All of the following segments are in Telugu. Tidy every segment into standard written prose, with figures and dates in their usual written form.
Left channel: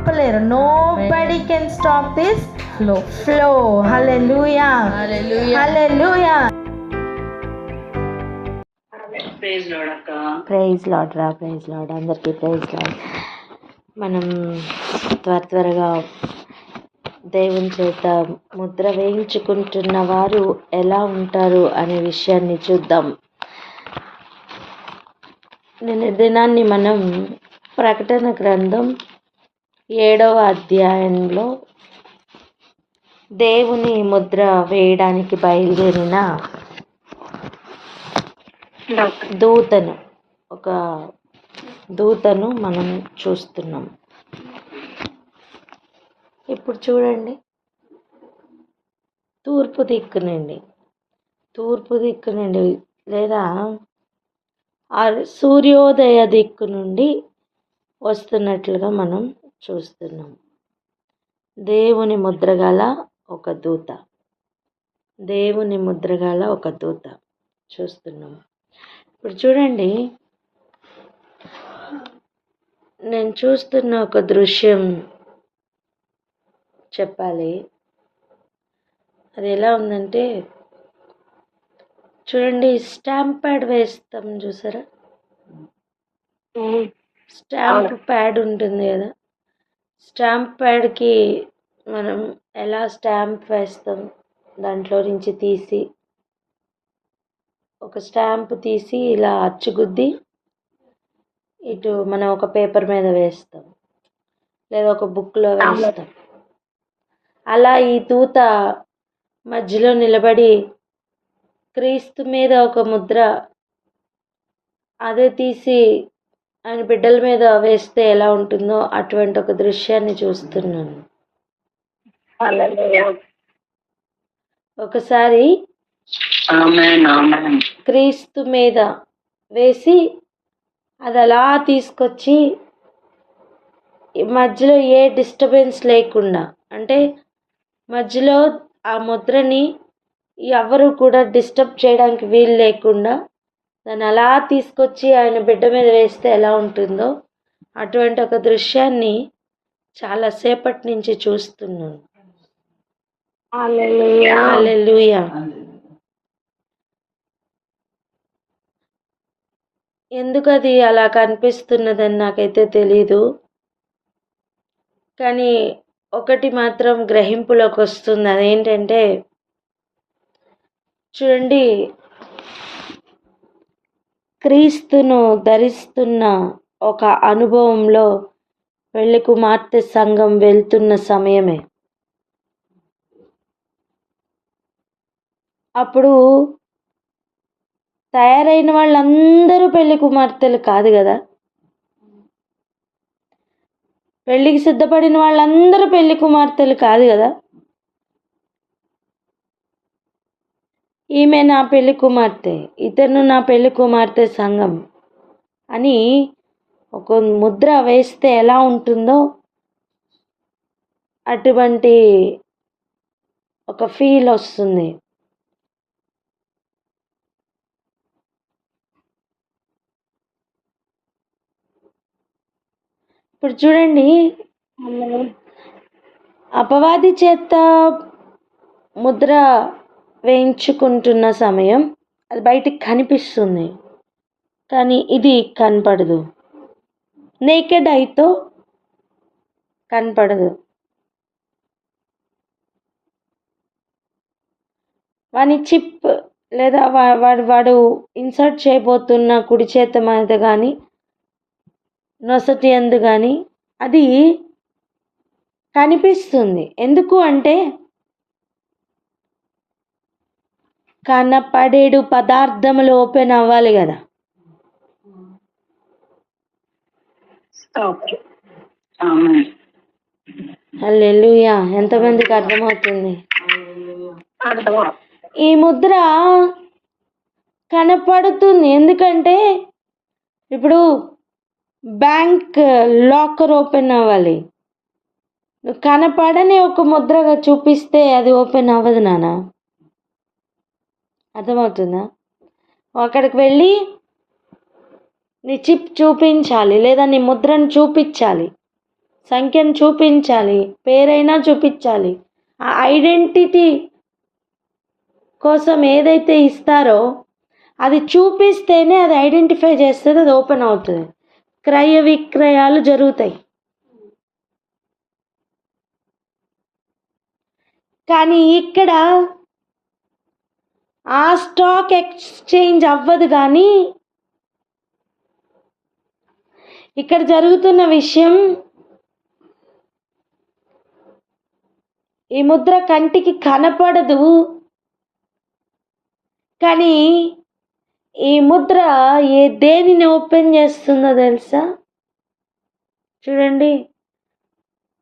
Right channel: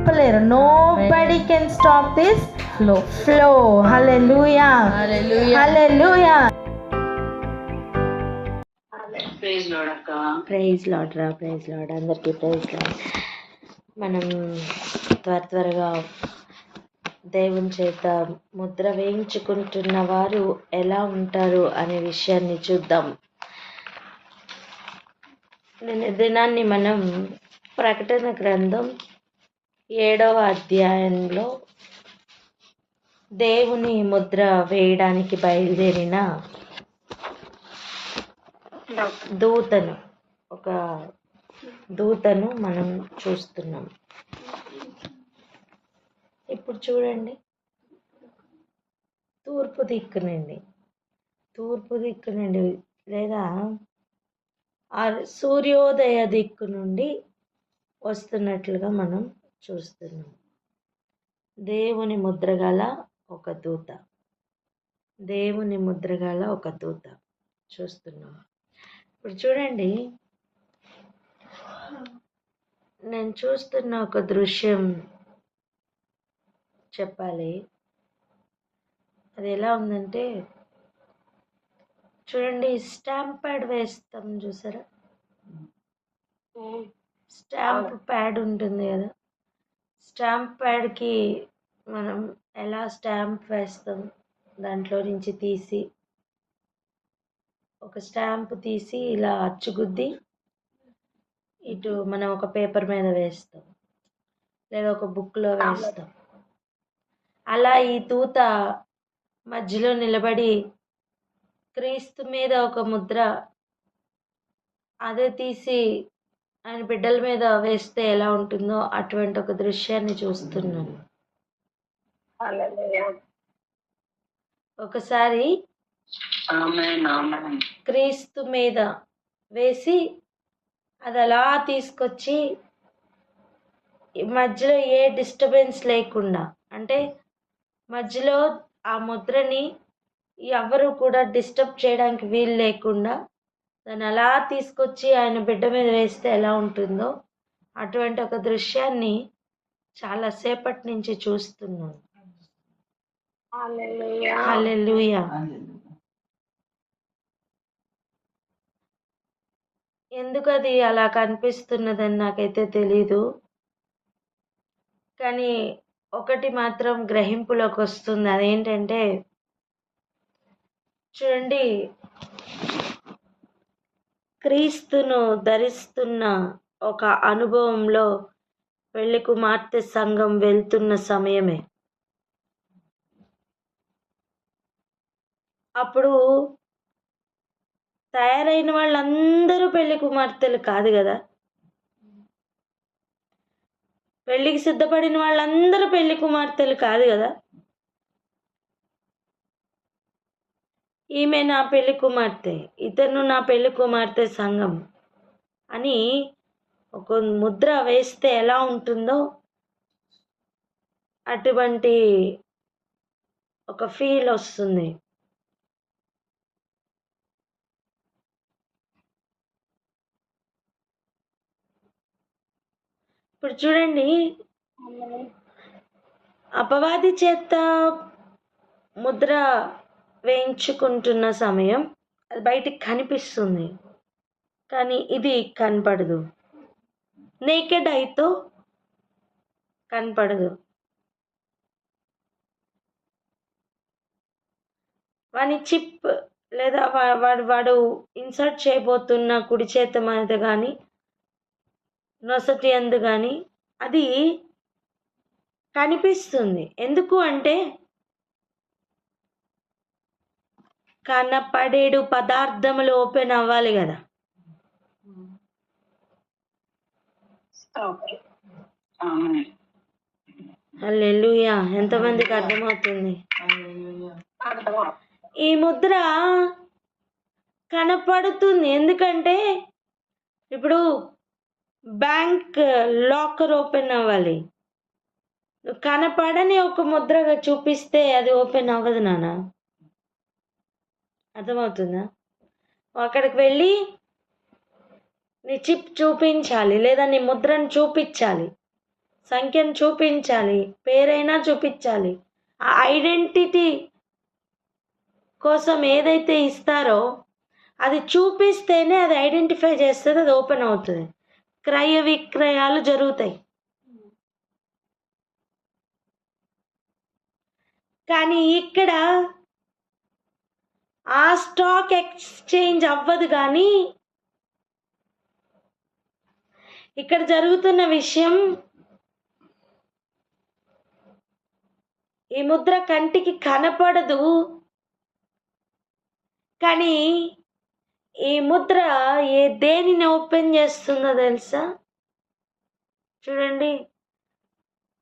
ఆపలేరు. Nobody can stop this flow. Hallelujah, hallelujah. Praise Lord రా, ప్రైజ్ లార్డ్, అందరికీ ప్రైజ్ లార్డ్. మనం త్వరగా దేవుని చేత ముద్ర వేయించుకుంటున్న వారు ఎలా ఉంటారు అనే విషయాన్ని చూద్దాం. దినాన్ని మనం ప్రకటన గ్రంథం 7వ అధ్యాయంలో దేవుని ముద్ర వేయడానికి బయలుదేరిన ఒక దూతను మనం చూస్తున్నాం. ఇప్పుడు చూడండి, తూర్పు దిక్కు నుండి లేదా సూర్యోదయ దిక్కు నుండి వస్తున్నట్లుగా మనం చూస్తున్నాం. దేవుని ముద్రగల ఒక దూత చూస్తున్నాం. ఇప్పుడు చూడండి, నేను చూస్తున్న ఒక దృశ్యం చెప్పాలి. అది ఎలా ఉందంటే, చూడండి, స్టాంప్ ప్యాడ్ వేస్తాం చూసారా? స్టాంప్ ప్యాడ్ ఉంటుంది కదా, స్టాంప్ ప్యాడ్కి మనం ఎలా స్టాంప్ వేస్తాం, దాంట్లో నుంచి తీసి ఒక స్టాంప్ తీసి ఇలా అచ్చుగుద్ది ఇటు మనం ఒక పేపర్ మీద వేస్తాం, లేదా ఒక బుక్లో వేస్తాం. అలా ఈ దూత మధ్యలో నిలబడి క్రీస్తు మీద ఒక ముద్ర అదే తీసి ఆయన బిడ్డల మీద వేస్తే ఎలా ఉంటుందో అటువంటి ఒక దృశ్యాన్ని చూస్తున్నాను. ఒకసారి క్రీస్తు మీద వేసి అది అలా తీసుకొచ్చి మధ్యలో ఏ డిస్టర్బెన్స్ లేకుండా, అంటే మధ్యలో ఆ ముద్రని ఎవరు కూడా డిస్టర్బ్ చేయడానికి వీలు లేకుండా దాన్ని అలా తీసుకొచ్చి ఆయన బిడ్డ మీద వేస్తే ఎలా ఉంటుందో అటువంటి ఒక దృశ్యాన్ని చాలాసేపటి నుంచి చూస్తున్నాను. హల్లెలూయా. ఎందుకు అది అలా కనిపిస్తున్నదని నాకైతే తెలీదు, కానీ ఒకటి మాత్రం గ్రహింపులోకి వస్తుంది. అదేంటంటే, చూడండి, క్రీస్తును ధరిస్తున్న ఒక అనుభవంలో పెళ్లి కుమార్తె సంఘం వెళ్తున్న సమయమే. అప్పుడు తయారైన వాళ్ళందరూ పెళ్లి కుమార్తెలు కాదు కదా, పెళ్లికి సిద్ధపడిన వాళ్ళందరూ పెళ్లి కుమార్తెలు కాదు కదా. ఈమె నా పెళ్లి కుమార్తె, ఇతను నా పెళ్లి కుమార్తె సంఘం అని ఒక ముద్ర వేస్తే ఎలా ఉంటుందో అటువంటి ఒక ఫీల్ వస్తుంది. ఇప్పుడు చూడండి, అపవాది చేత ముద్ర వేయించుకుంటున్న సమయం అది బయటికి కనిపిస్తుంది, కానీ ఇది కనపడదు, నేకెడ్ ఐతో కనపడదు. వాని చిప్ లేదా వాడు ఇన్సర్ట్ చేయబోతున్న కుడి చేత మీద కానీ నొసటి అందు కానీ అది కనిపిస్తుంది. ఎందుకు అంటే, కనపడేడు పదార్థములు ఓపెన్ అవ్వాలి కదా. హల్లెలూయా. ఎంతమందికి అర్థమవుతుంది? ఈ ముద్ర కనపడుతుంది. ఎందుకంటే ఇప్పుడు బ్యాంక్ లాకర్ ఓపెన్ అవ్వాలి, నువ్వు కనపడని ఒక ముద్రగా చూపిస్తే అది ఓపెన్ అవ్వదు నాన్న. అర్థమవుతుందా? అక్కడికి వెళ్ళి నీ చిప్ చూపించాలి, లేదా నీ ముద్రను చూపించాలి. సంఖ్యను చూపించాలి, పేరైనా చూపించాలి. ఆ ఐడెంటిటీ కోసం ఏదైతే ఇస్తారో అది చూపిస్తేనే అది ఐడెంటిఫై చేస్తుంది, అది ఓపెన్ అవుతుంది, క్రయ విక్రయాలు జరుగుతాయి. కానీ ఇక్కడ ఆ స్టాక్ ఎక్స్చేంజ్ అవ్వదు. కానీ ఇక్కడ జరుగుతున్న విషయం, ఈ ముద్ర కంటికి కనపడదు, కానీ ఈ ముద్ర దేనిని ఓపెన్ చేస్తుందో తెలుసా? చూడండి,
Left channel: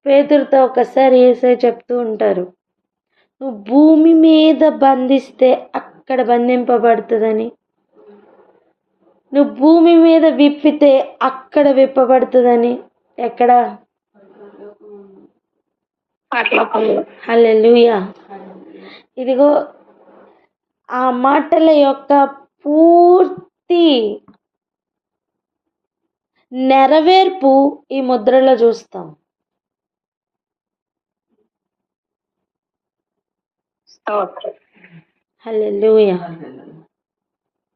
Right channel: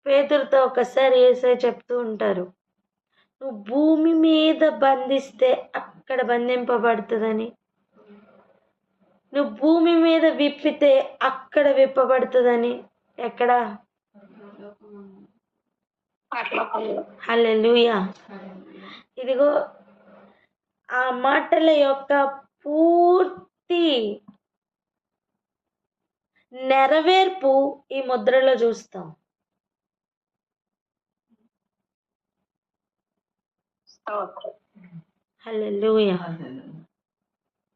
పేతురుతో ఒకసారి యేసయ్య చెప్తూ ఉంటారు, నువ్వు భూమి మీద బంధిస్తే అక్కడ బంధింపబడుతుందని, నువ్వు భూమి మీద విప్పితే అక్కడ విప్పబడుతుందని. ఎక్కడ? హల్లెలూయా. ఇదిగో ఆ మాటల యొక్క పూర్తి నెరవేర్పు ఈ ముద్రలో చూస్తాం. హల్లెలూయా.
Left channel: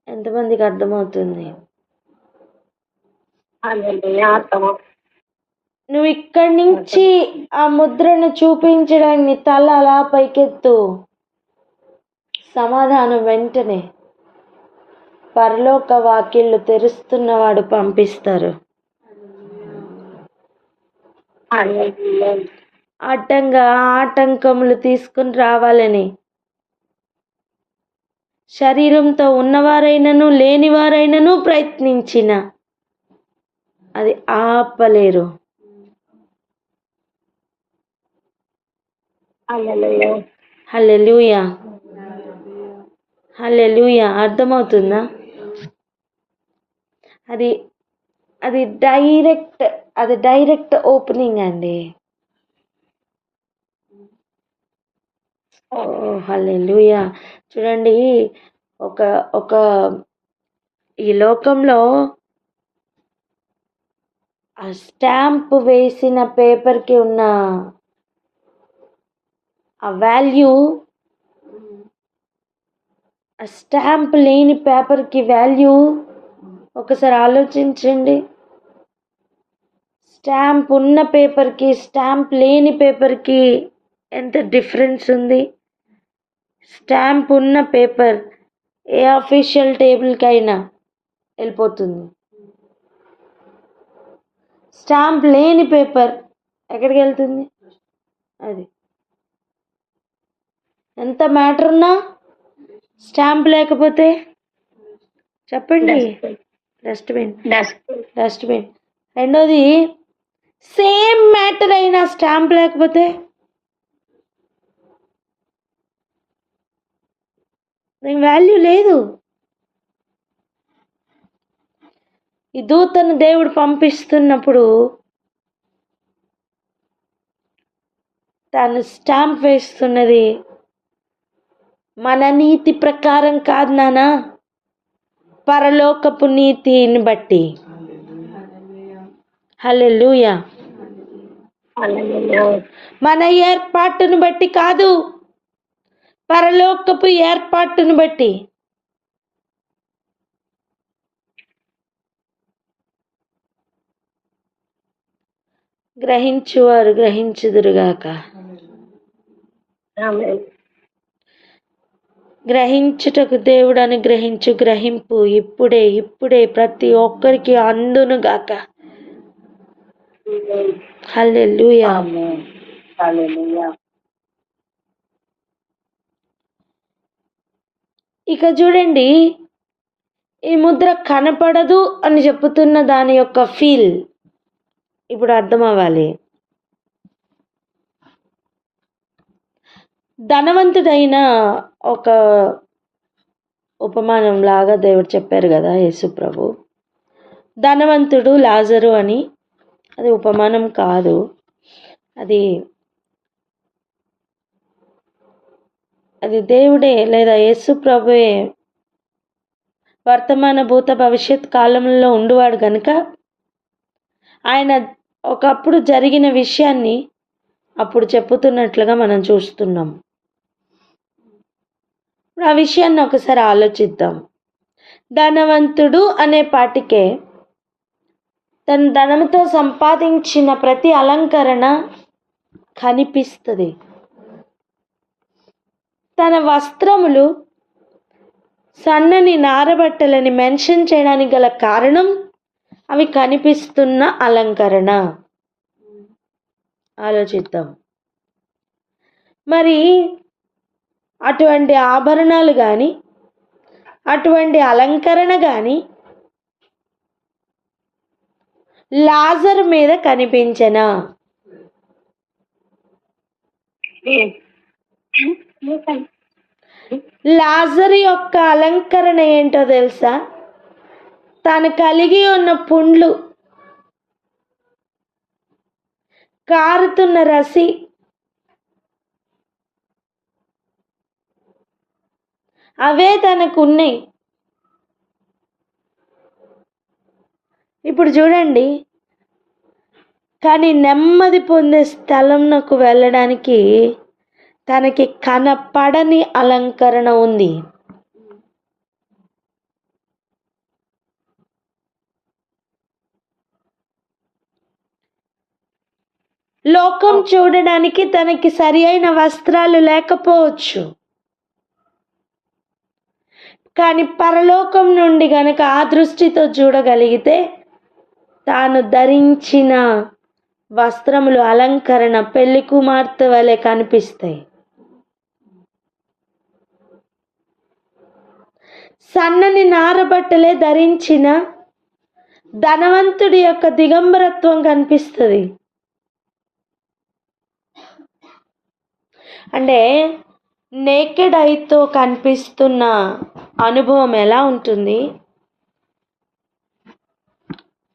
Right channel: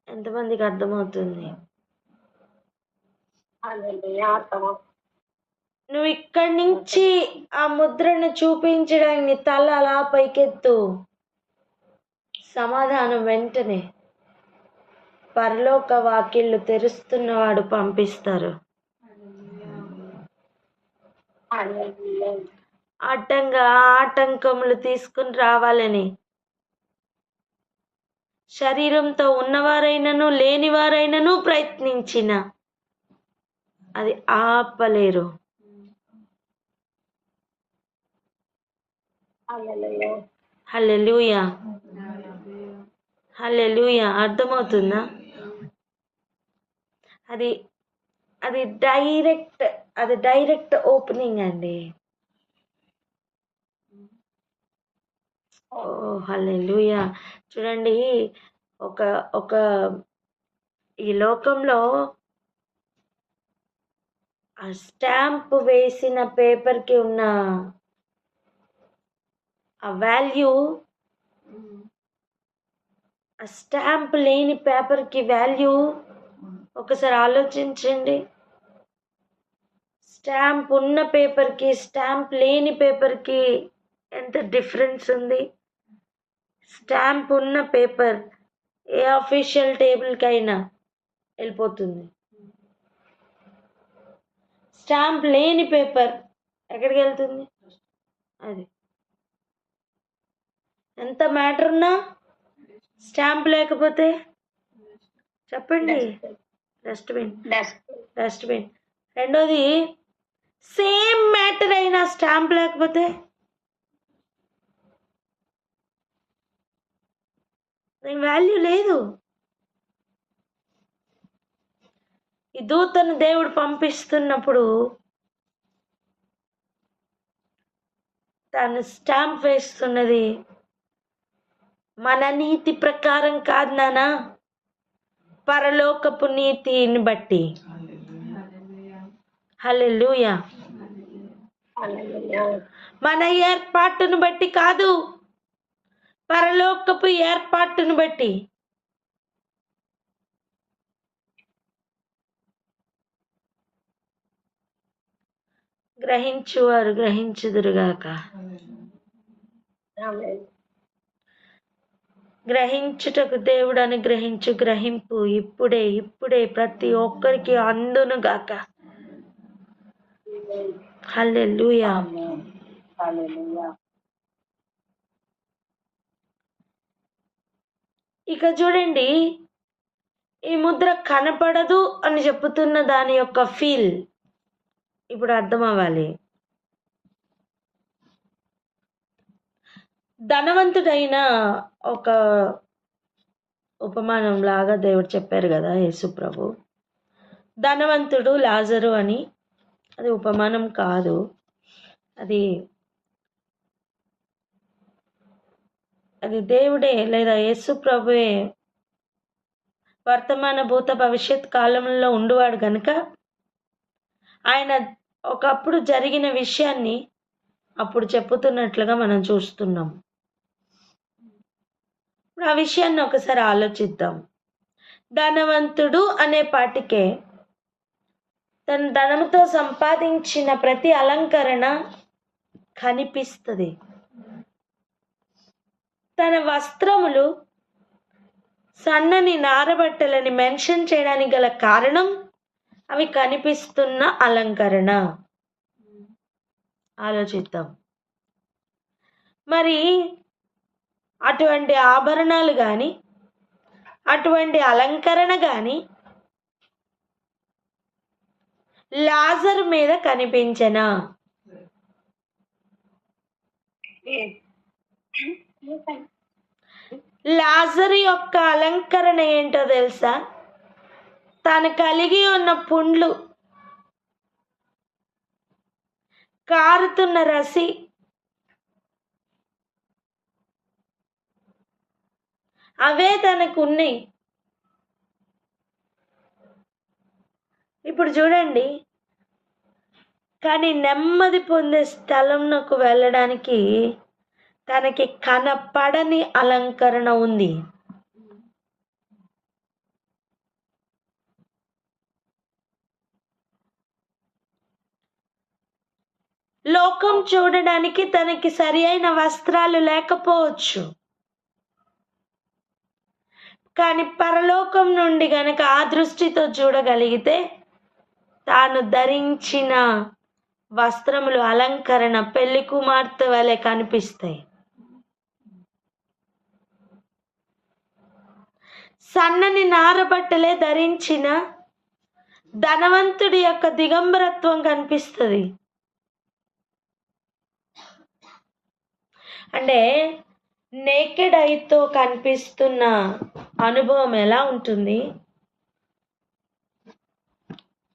ఎంతమందికి అర్థమవుతుంది? నువ్వు ఇక్కడి నుంచి ఆ ముద్రను చూపించడానికి నీ తల అలా పైకెత్తు, సమాధానం వెంటనే పరలోక వాకిళ్ళు తెరుస్తున్నవాడు పంపిస్తారు. అడ్డంగా ఆటంకములు తీసుకుని రావాలని శరీరంతో ఉన్నవారైనను లేనివారైనను ప్రయత్నించిన అది ఆపలేరు. హల్లెలూయా. హల్లెలూయా. అర్థమవుతుందా? అది అది డైరెక్ట్ ఓపెనింగ్ అండి. ఓ హల్లెలూయా. చూడండి, ఒక ఈ లోకంలో ఆ స్టాంప్ వేసిన పేపర్కి ఉన్న ఆ వాల్యూ, ఆ స్టాంప్ లేని పేపర్కి వాల్యూ ఒకసారి ఆలోచించండి. స్టాంప్ ఉన్న పేపర్కి స్టాంప్ లేని పేపర్కి ఎంత డిఫరెన్స్ ఉంది. స్టాంప్ ఉన్న పేపర్ ఏ అఫీషియల్ టేబుల్కి అయినా వెళ్ళిపోతుంది. స్టాంప్ లేని పేపర్ ఎక్కడికి వెళ్తుంది? అది ఎంత మ్యాటర్ ఉన్నా స్టాంప్ లేకపోతే చెప్పండి, డస్ట్బిన్. రెండోది, సేమ్ మ్యాటర్ అయినా స్టాంప్ లేకపోతే దానికి వాల్యూ లేదు. ఈ దూతను దేవుడు పంపిస్తున్నప్పుడు తాను స్టాంప్ వేస్తున్నది మన నీతి ప్రకారం కాదు నానా, పరలోకపు నీతిని బట్టి. హల్లెలూయా. మన ఏర్పాటును బట్టి కాదు, పరలోకపు ఏర్పాటును బట్టి. గ్రహించువారు గ్రహించుదురుగాక. గ్రహించుటకు దేవుడు అనుగ్రహించు గ్రహింపు ఇప్పుడే ప్రతి ఒక్కరికి అందునుగాక. హల్లెలూయా. ఇక చూడండి, ఈ ముద్ర కనపడదు అని చెప్పుతున్న దాని యొక్క ఫీల్ ఇప్పుడు అర్థం అవ్వాలి. ధనవంతుడైన ఒక ఉపమానం లాగా దేవుడు చెప్పారు కదా యేసు ప్రభు. ధనవంతుడు లాజరు అని, అది ఉపమానం కాదు, అది దేవుడే లేదా యేసు ప్రభువే వర్తమాన భూత భవిష్యత్ కాలంలో ఉండువాడు కనుక ఆయన ఒకప్పుడు జరిగిన విషయాన్ని అప్పుడు చెప్పుతున్నట్లుగా మనం చూస్తున్నాం. ఆ విషయాన్ని ఒకసారి ఆలోచిద్దాం. ధనవంతుడు అనే పాటికే తన ధనంతో సంపాదించిన ప్రతి అలంకరణ కనిపిస్తుంది. తన వస్త్రములు సన్నని నారబట్టలని మెన్షన్ చేయడానికి గల కారణం అవి కనిపిస్తున్న అలంకరణ. ఆలోచిద్దాం. మరి అటువంటి ఆభరణాలు కానీ అటువంటి అలంకరణ కానీ లాజరు మీద కనిపించనా? లాజరు యొక్క అలంకరణ ఏంటో తెలుసా? తను కలిగి ఉన్న పుండ్లు, కారుతున్న రసి, అవే తనకు ఉన్నాయి. ఇప్పుడు చూడండి, కానీ నెమ్మది పొందే స్థలంకు వెళ్ళడానికి తనకి కనపడని అలంకరణ ఉంది. లోకం చూడడానికి తనకి సరి అయిన వస్త్రాలు లేకపోవచ్చు, కానీ పరలోకం నుండి గనక ఆ దృష్టితో చూడగలిగితే తాను ధరించిన వస్త్రములు, అలంకరణ పెళ్లి కుమార్తె వలె కనిపిస్తాయి. సన్నని నారబట్టలే ధరించిన ధనవంతుడి యొక్క దిగంబరత్వం కనిపిస్తుంది. అంటే నేకెడ్ ఐతో కనిపిస్తున్న అనుభవం ఎలా ఉంటుంది,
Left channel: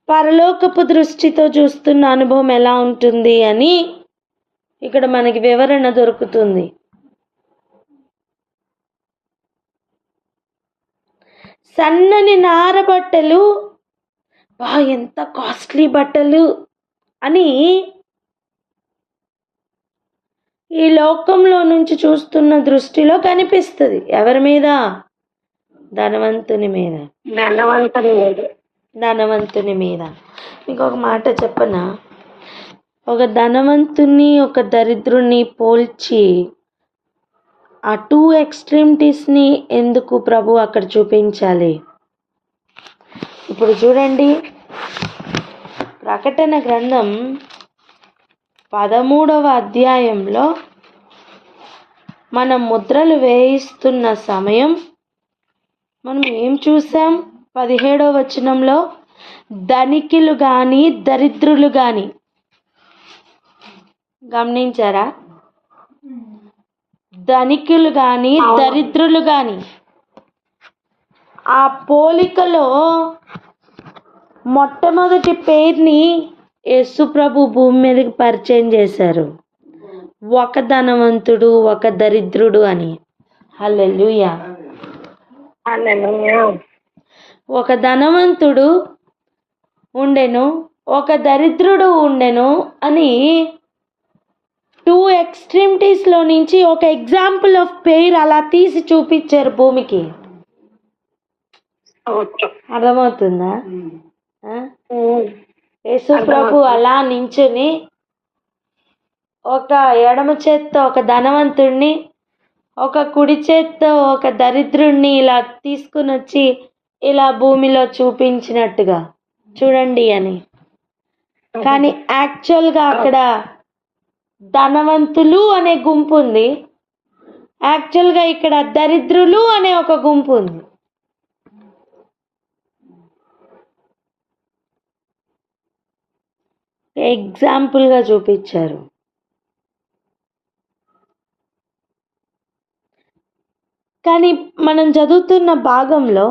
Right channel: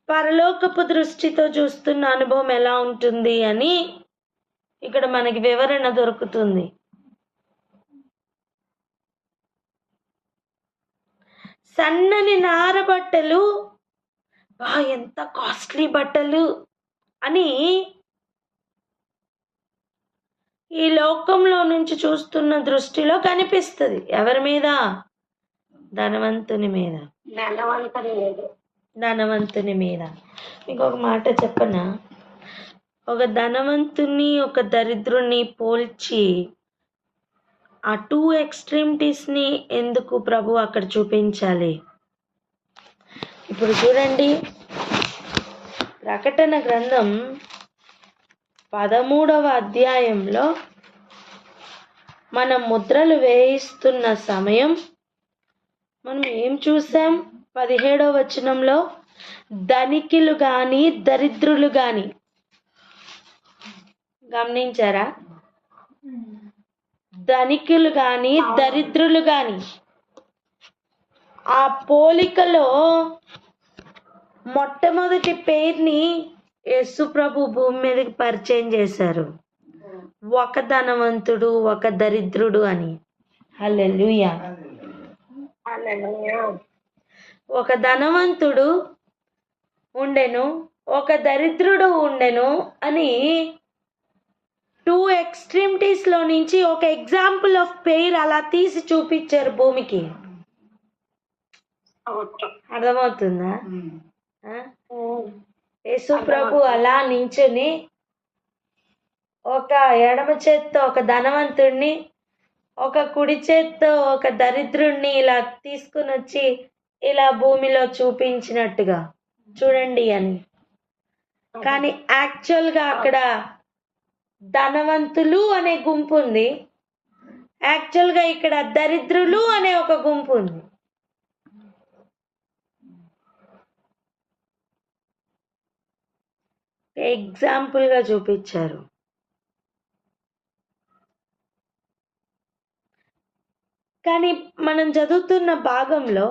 పరలోకపు దృష్టితో చూస్తున్న అనుభవం ఎలా ఉంటుంది అని ఇక్కడ మనకి వివరణ దొరుకుతుంది. సన్నని నార బట్టలు, ఎంత కాస్ట్లీ బట్టలు అని ఈ లోకంలో నుంచి చూస్తున్న దృష్టిలో కనిపిస్తుంది. ఎవరి మీద? ధనవంతుని మీద. ధనవంతుని మీద. మీకు ఒక మాట చెప్పనా? ఒక ధనవంతుని ఒక దరిద్రుని పోల్చి ఆ 2 ఎక్స్ట్రీమిటీస్ని ఎందుకు ప్రభు అక్కడ చూపించాలి? ఇప్పుడు చూడండి, ప్రకటన గ్రంథం 13వ అధ్యాయంలో మనం ముద్రలు వేయిస్తున్న సమయం మనం ఏం చూసాం? 17వ వచనంలో ధనికులు కానీ దరిద్రులు కానీ, గమనించారా? ధనికులు కానీ దరిద్రులు కానీ. ఆ పోలికలో మొట్టమొదటి పేరుని యేసు ప్రభు భూమి మీదకి పరిచయం చేశారు. ఒక ధనవంతుడు, ఒక దరిద్రుడు అని. హల్లెలూయా. ఒక ధనవంతుడు ఉండెను, ఒక దరిద్రుడు ఉండెను అని 2 ఎక్స్ట్రీమిటీస్లో నుంచి ఒక ఎగ్జాంపుల్ ఆఫ్ పేర్ అలా తీసి చూపించారు భూమికి. అర్థమవుతుందా? యేసు ప్రభు అలా నించుని ఒక ఎడమ చేత్తో ఒక ధనవంతుడిని, ఒక కుడి చేత్తో ఒక దరిద్రుడిని ఇలా తీసుకుని వచ్చి ఇలా భూమిలో చూపించినట్టుగా చూడండి అని. కానీ యాక్చువల్గా అక్కడ ధనవంతులు అనే గుంపు ఉంది, యాక్చువల్గా ఇక్కడ దరిద్రులు అనే ఒక గుంపు ఉంది. ఎగ్జాంపుల్గా చూపించారు. కానీ మనం చదువుతున్న భాగంలో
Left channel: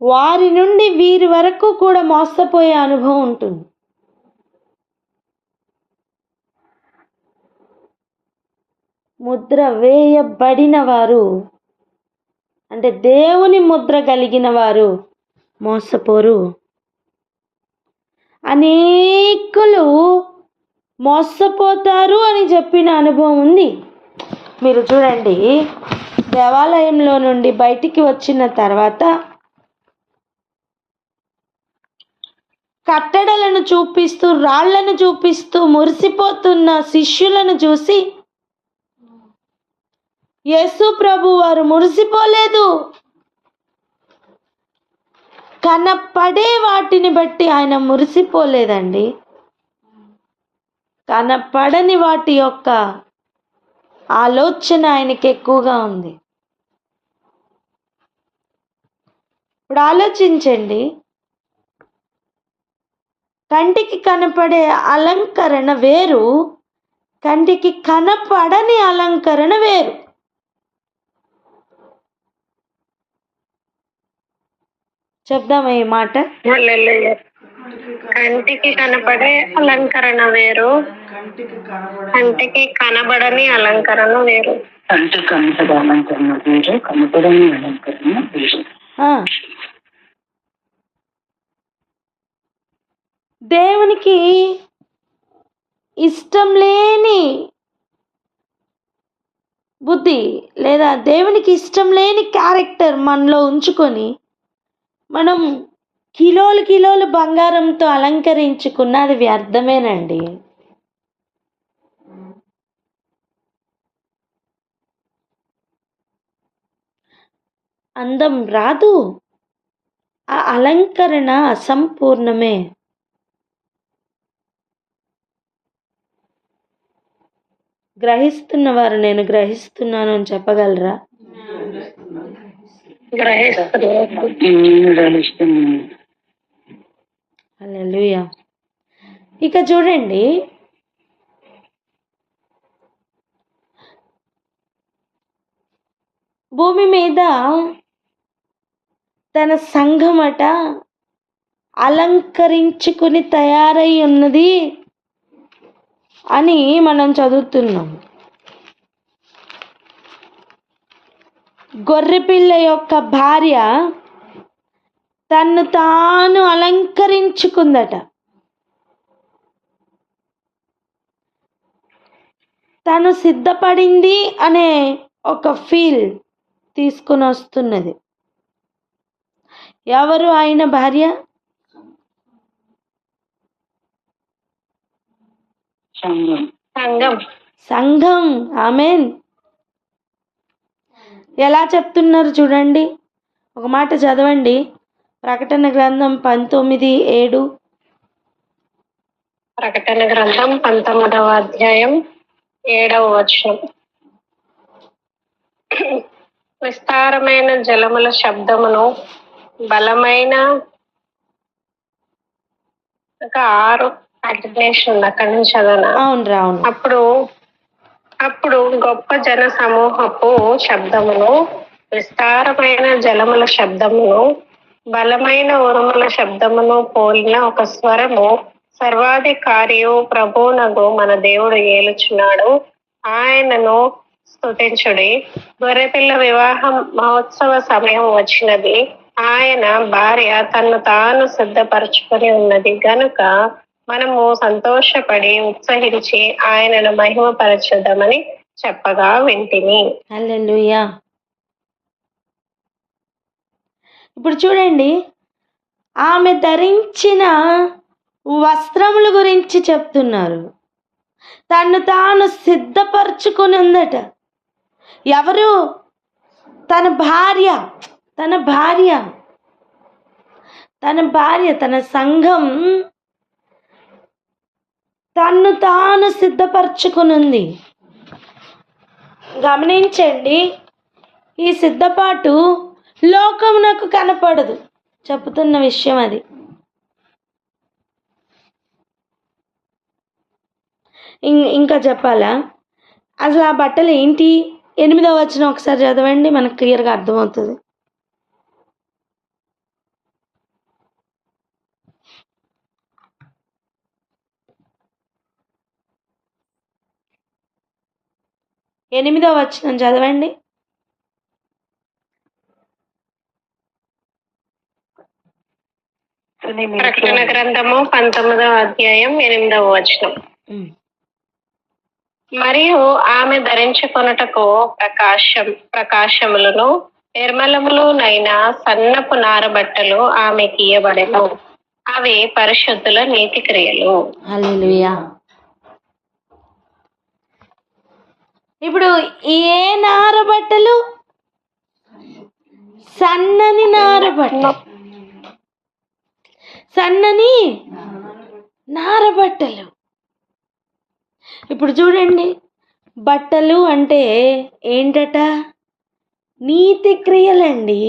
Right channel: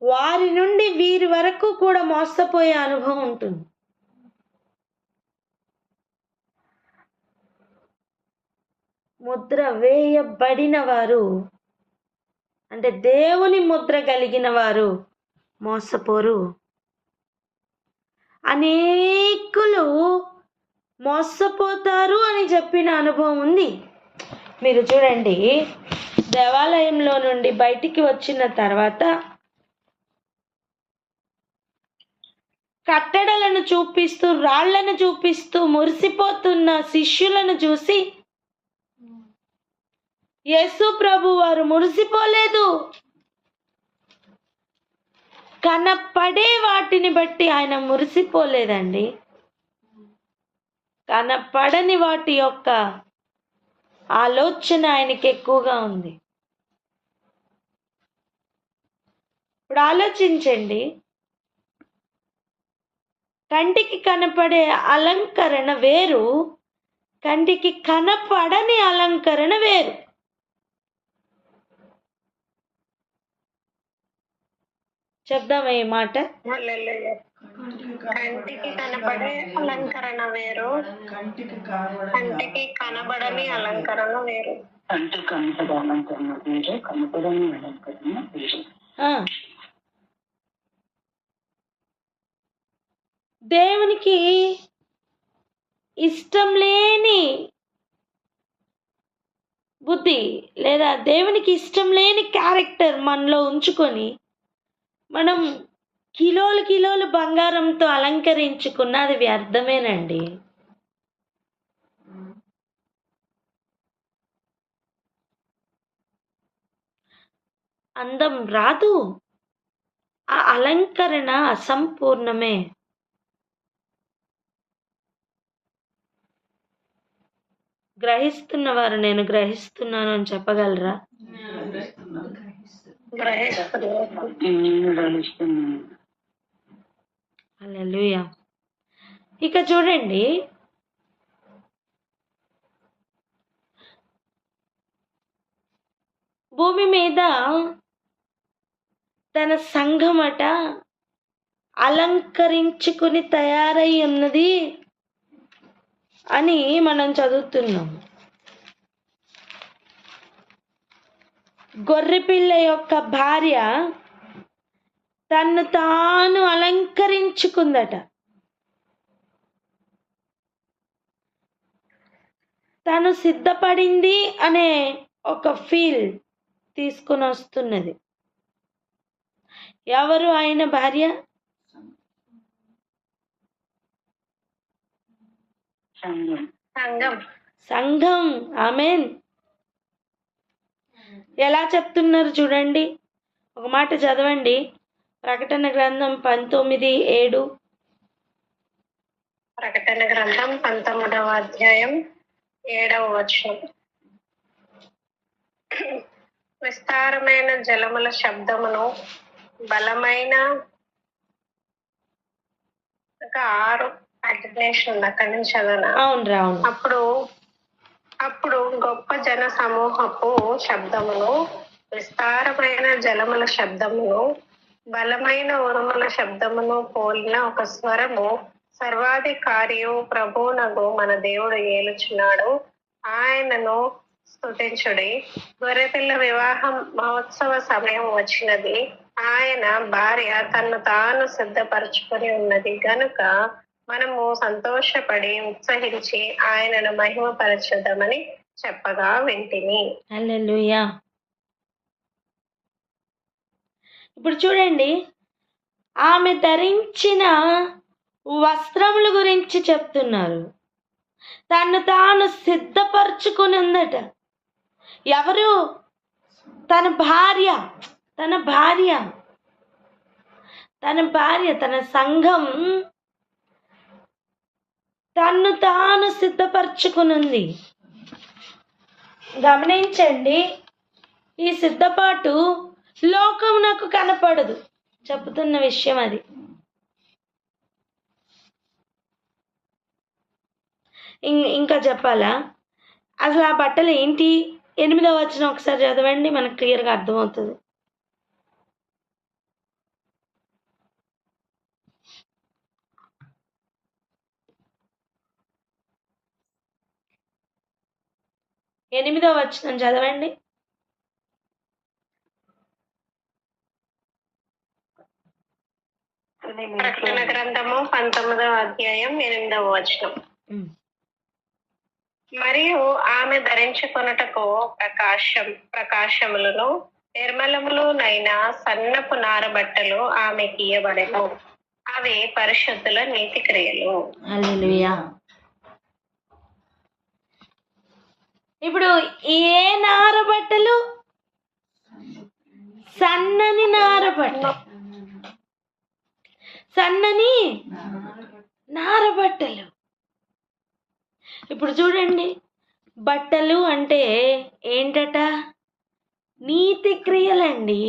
వారి నుండి వీరి వరకు కూడా మోసపోయే అనుభవం ఉంటుంది. ముద్ర వేయబడిన వారు అంటే దేవుని ముద్ర కలిగిన వారు మోసపోరు. అనేకులు మోసపోతారు అని చెప్పిన అనుభవం ఉంది. మీరు చూడండి, దేవాలయంలో నుండి బయటికి వచ్చిన తర్వాత కట్టడలను చూపిస్తూ, రాళ్లను చూపిస్తూ మురిసిపోతున్న శిష్యులను చూసి యేసు ప్రభు వారు మురిసిపోలేదు. కనపడే వాటిని బట్టి ఆయన మురిసిపోలేదండి. కనపడని వాటి యొక్క ఆలోచన ఆయనకి ఎక్కువగా ఉంది. ఇప్పుడు ఆలోచించండి, కంటికి కనపడే అలంకరణ వేరు, కంటికి కనపడని అలంకరణ వేరు. చెప్దామా ఈ మాట? కంటికి కనపడే అలంకరణ వేరు, కంటికి కనబడని అలంకరణ వేరు. కంటికి కనపడే అలంకరణ వేరు, కనపడని అలంకరణ వేరు. దేవునికి ఇష్టం లేని బుద్ధి లేదా దేవునికి ఇష్టం లేని క్యారెక్టర్ మనలో ఉంచుకొని మనం కిలోలు కిలోలు బంగారంతో అలంకరించుకున్న అది వ్యర్థమేనండి. అందం రాదు, ఆ అలంకరణ అసంపూర్ణమే. గ్రహిస్తున్నవారు నేను గ్రహిస్తున్నాను అని చెప్పగలరా? హల్లెలూయా. ఇక చూడండి, భూమి మీద తన సంఘమట అలంకరించుకుని తయారై ఉన్నది అని మనం చదువుతున్నాం. గొర్రెపిల్ల యొక్క భార్య తన్ను తాను అలంకరించుకుందట. తను సిద్ధపడింది అనే ఒక ఫీల్ తీసుకుని వస్తున్నది. ఎవరు ఆయన భార్య? సంఘం. ఆమేన్. ఎలా చెప్తున్నారు చూడండి, ఒక మాట చదవండి. ప్రకటన గ్రంథం 19:7. ప్రకటన గ్రంథం 19వ అధ్యాయం 7వ వచనం. విస్తారమైన జలముల శబ్దమును, బలమైన 6 కంటిన్యూషన్ అక్కడి నుంచి చదవనా? అవును. అప్పుడు గొప్ప జన సమూహపు శబ్దమును, విస్తారమైన జలముల శబ్దమును, బలమైన ఉరుముల శబ్దమును పోలిన ఒక స్వరము, సర్వాధికారియు ప్రభువునగు మన దేవుడు ఏలుచున్నాడు, ఆయనను స్తుతించుడి. గొర్రెపిల్ల వివాహం మహోత్సవ సమయం వచ్చినది, ఆయన భార్య తన్ను తాను సిద్ధపరచుకొని ఉన్నది గనుక మనము సంతోషపడి ఉత్సహించి ఆయనను మహిమపరచుదామని చెప్పగా వింటిని. హల్లెలూయా. ఇప్పుడు చూడండి, ఆమె ధరించిన వస్త్రముల గురించి చెప్తున్నారు. తను తాను సిద్ధపరచుకుని ఉందట. ఎవరు? తన భార్య, తన సంఘం తన్ను తాను సిద్ధపరచుకుని ఉంది. గమనించండి, ఈ సిద్ధపాటు లోకమునకు కనపడదు, చెప్తున్న విషయం అది. ఇంకా చెప్పాలా? అసలు ఆ బట్టలు ఏంటి? 8వ వచనం ఒకసారి చదవండి, మనకు క్లియర్గా అర్థమవుతుంది. ఎనిమిదవ వచనం చదవండి. ప్రకటన గ్రంథము 19వ అధ్యాయం 8వ వచనం. మరియు ఆమె ధరించుకొనుటకు ప్రకాశములను నిర్మలములునైన సన్నపు నారబట్టలు ఆమెకి ఇయ్యబడెను. అవి పరిశుద్ధుల నీతి క్రియలు. హల్లెలూయా. ఇప్పుడు ఏ నారబట్టలు? సన్నని నారబట్టలు. సన్నని నారబట్టలు. ఇప్పుడు చూడండి, బట్టలు అంటే ఏంటట? నీతి క్రియలండి.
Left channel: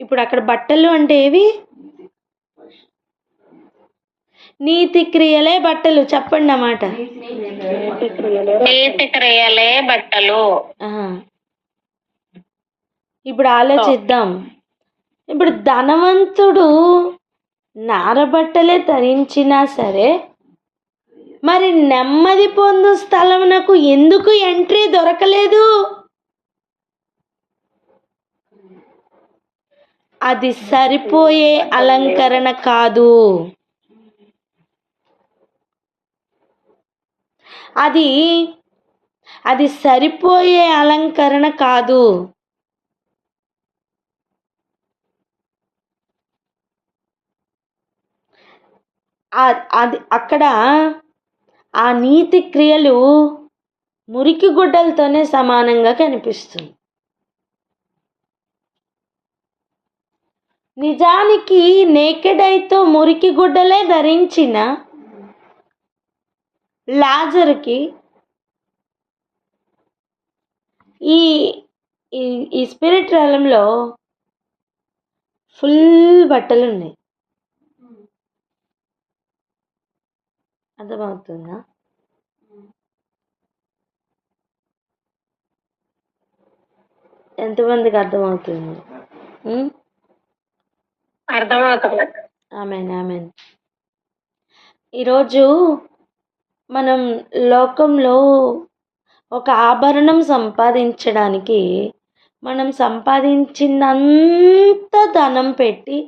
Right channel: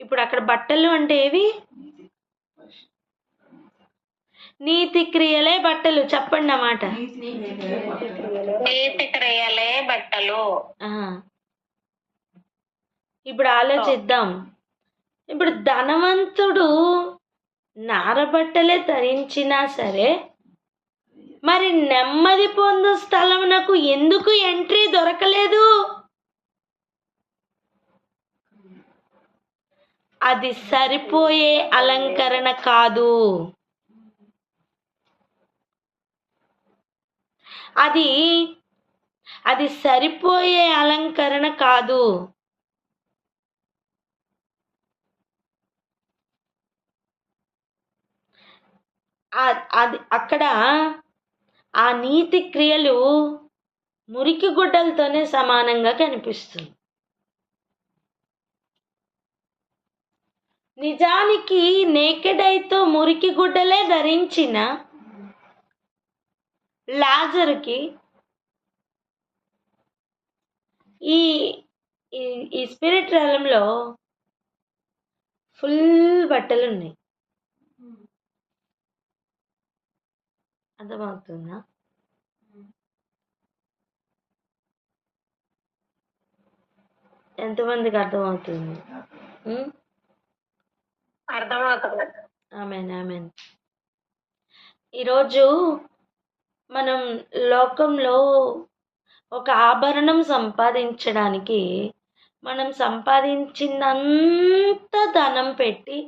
ఇప్పుడు అక్కడ బట్టలు అంటే ఏవి? నీతి క్రియలే బట్టలు. చెప్పండి అన్నమాట. నీతి క్రియలే బట్టలు. ఇప్పుడు ఆలోచిద్దాం. ఇప్పుడు ధనవంతుడు నారబట్టలే ధరించినా సరే, మరి నెమ్మది పొందు స్థలమునకు ఎందుకు ఎంట్రీ దొరకలేదు? అది సరిపోయే అలంకరణ కాదు. అది సరిపోయే అలంకరణ కాదు. అది అక్కడ ఆ నీతి క్రియలు మురికి గుడ్డలతోనే సమానంగా కనిపిస్తుంది. నిజానికి నేకెడ్ ఐతో మురికి గుడ్డలే ధరించిన లాజరుకి ఈ స్పిరిట్ రంగంలో ఫుల్ బట్టలు ఉన్నాయి. అర్థమవుతుందా? ఎంతమందికి అర్థమవుతుంది? అర్థమవుతుంది. ఆమేన్, ఆమేన్. ఈరోజు మనం లోకంలో ఒక ఆభరణం సంపాదించడానికి మనం సంపాదించినంత ధనం పెట్టి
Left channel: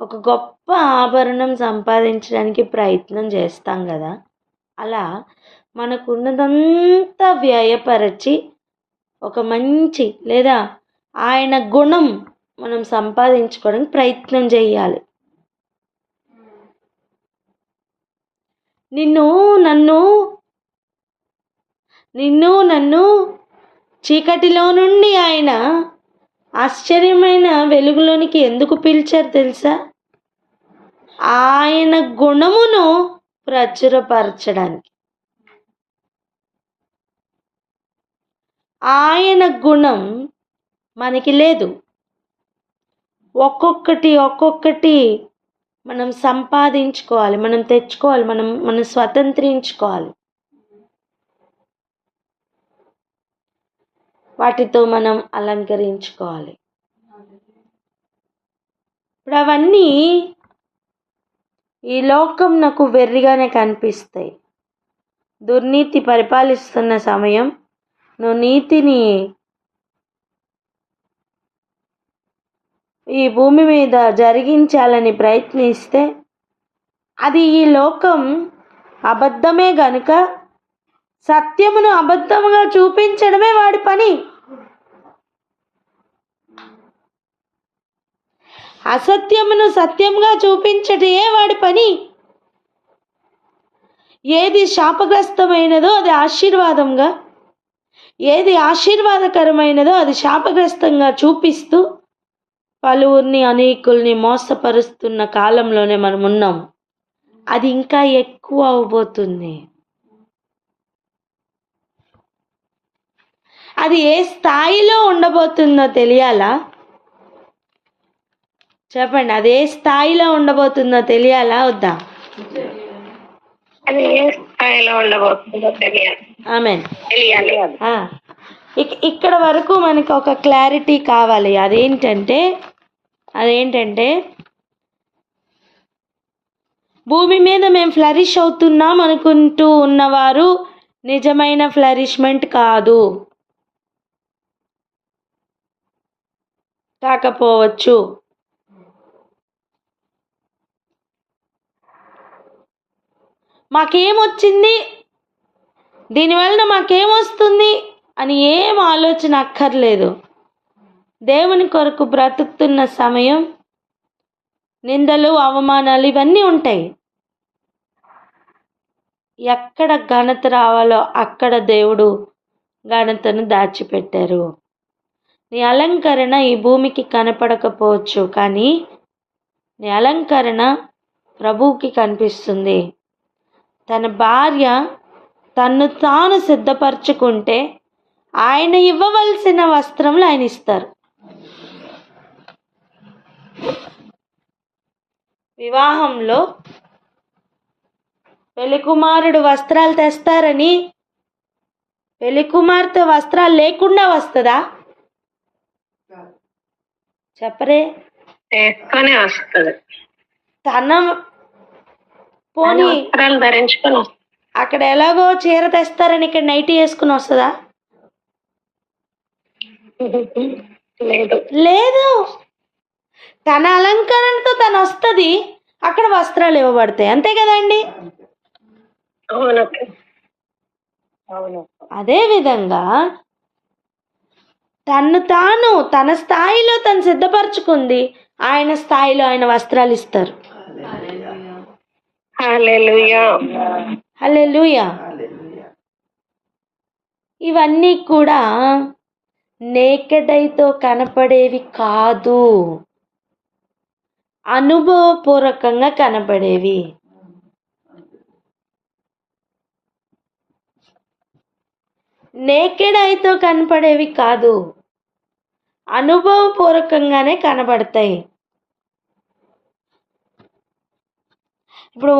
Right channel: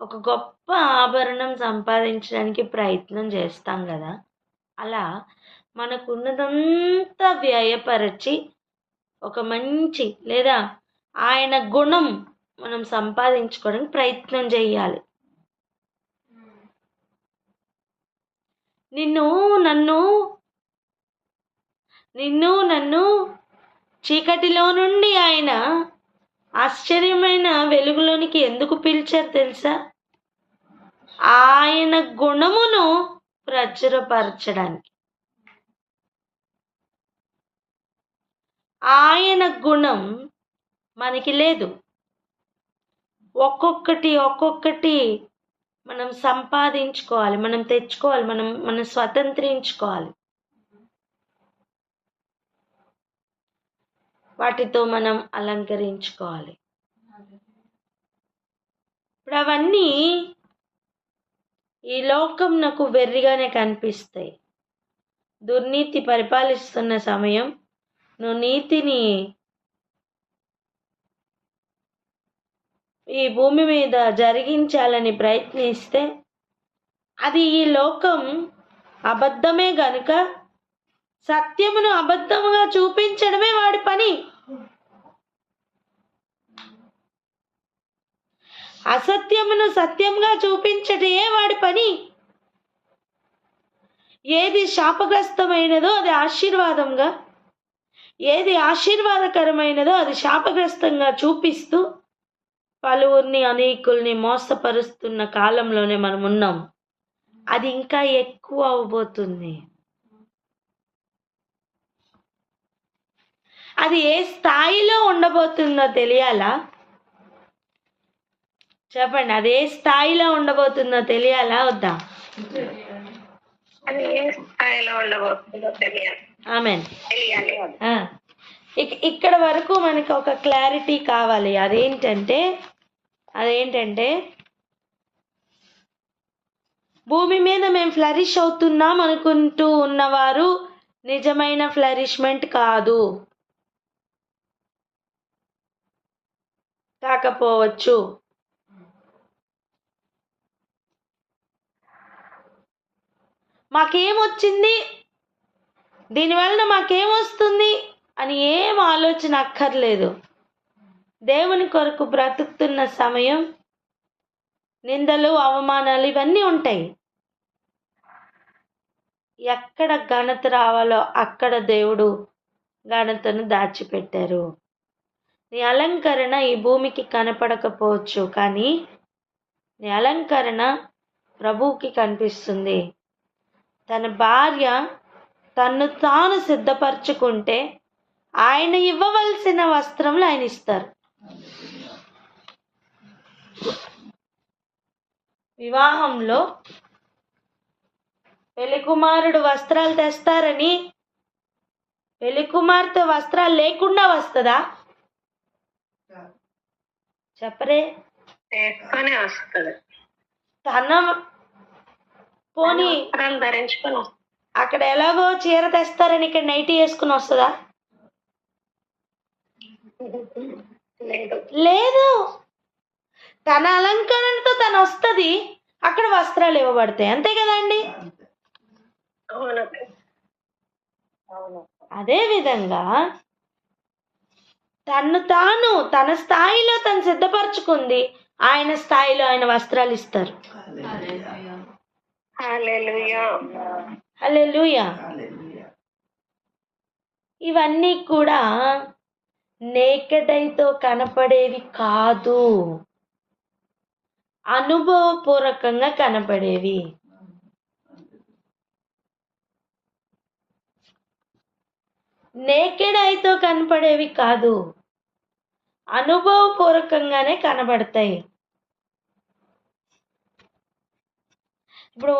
ఒక గొప్ప ఆభరణం సంపాదించడానికి ప్రయత్నం చేస్తాం కదా. అలా మనకున్నదంతా వ్యయపరచి ఒక మంచి లేదా ఆయన గుణం మనం సంపాదించుకోవడానికి ప్రయత్నం చేయాలి. నిన్ను నన్ను చీకటిలో నుండి ఆయన ఆశ్చర్యమైన వెలుగులోనికి ఎందుకు పిలిచారు తెలుసా? ఆయన గుణమును ప్రచురపరచడానికి. ఆయన గుణం మనకి లేదు. ఒక్కొక్కటి మనం సంపాదించుకోవాలి, మనం తెచ్చుకోవాలి, మనం స్వతంత్రించుకోవాలి. వాటితో మనం అలంకరించుకోవాలి. ఇప్పుడు అవన్నీ ఈ లోకం నాకు వెర్రిగానే కనిపిస్తాయి. దుర్నీతి పరిపాలిస్తున్న సమయం నువ్వు నీతిని ఈ భూమి మీద జరిగించాలని ప్రయత్నిస్తే అది ఈ లోకం అబద్ధమే గనుక సత్యమును అబద్ధముగా చూపించడమే వాడి పని. అసత్యమును సత్యంగా చూపించటే వాడి పని. ఏది శాపగ్రస్తమైనదో అది ఆశీర్వాదంగా, ఏది ఆశీర్వాదకరమైనదో అది శాపగ్రస్తంగా చూపిస్తూ పలువురిని అనేకుల్ని మోసపరుస్తున్న కాలంలోనే మనం ఉన్నాం. అది ఇంకా ఎక్కువ అవబోతుంది. అది ఏ స్థాయిలో ఉండబోతుందో తెలియాలా? చెప్పండి, అది ఏ స్థాయిలో ఉండబోతుందో తెలియాలా వద్దా? అది ఏ స్థాయిలో ఉండబోతుందో తెలియాలి. ఆమేన్. తెలియాలి. ఇక్కడ వరకు మనకి ఒక క్లారిటీ కావాలి. అదేంటంటే భూమి మీద మేము ఫ్లరిష్ అవుతున్నాం అనుకుంటూ ఉన్నవారు నిజమైన ఫ్లరిష్మెంట్ కాదు, కాకపోవచ్చు. మాకేమొచ్చింది, దీనివలన మాకేమొస్తుంది అని ఏం ఆలోచన అక్కర్లేదు. దేవుని కొరకు బ్రతుకుతున్న సమయం నిందలు, అవమానాలు ఇవన్నీ ఉంటాయి. ఎక్కడ ఘనత రావాలో అక్కడ దేవుడు ఘనతను దాచిపెట్టారు. నీ అలంకరణ ఈ భూమికి కనపడకపోవచ్చు, కానీ నీ అలంకరణ ప్రభువుకి కనిపిస్తుంది. తన భార్య తన్ను తాను సిద్ధపరచుకుంటే ఆయన ఇవ్వవలసిన వస్త్రములు ఆయన ఇస్తారు. వివాహంలో పెళ్లి కుమారుడు వస్త్రాలు తెస్తారని పెళ్లి కుమార్తె వస్త్రాలు లేకుండా వస్తుందా? చెప్పరే. వేసుకొని వస్తుంది. తన పోనీ వస్త్రాలు ధరించుకొని అక్కడ ఎలాగో చీర తెస్తారని ఇక్కడ నైటీ వేసుకుని వస్తుందా? లేదు. తన అలంకరణతో తను వస్తుంది, అక్కడ వస్త్రాలు ఇవ్వబడతాయి. అంతే కదండి. అదే విధంగా తాను తన స్థాయిలో తను సిద్ధపరచుకుంది, ఆయన స్థాయిలో ఆయన వస్త్రాలు ఇస్తారు. హల్లెలూయా. ఇవన్నీ కూడా నేకెడ్ ఐతో కనపడేవి కాదు, అనుభవపూర్వకంగా కనపడేవి. నేకెడ్ ఐతో కనపడేవి కాదు, అనుభవపూర్వకంగానే కనబడతాయి. ఇప్పుడు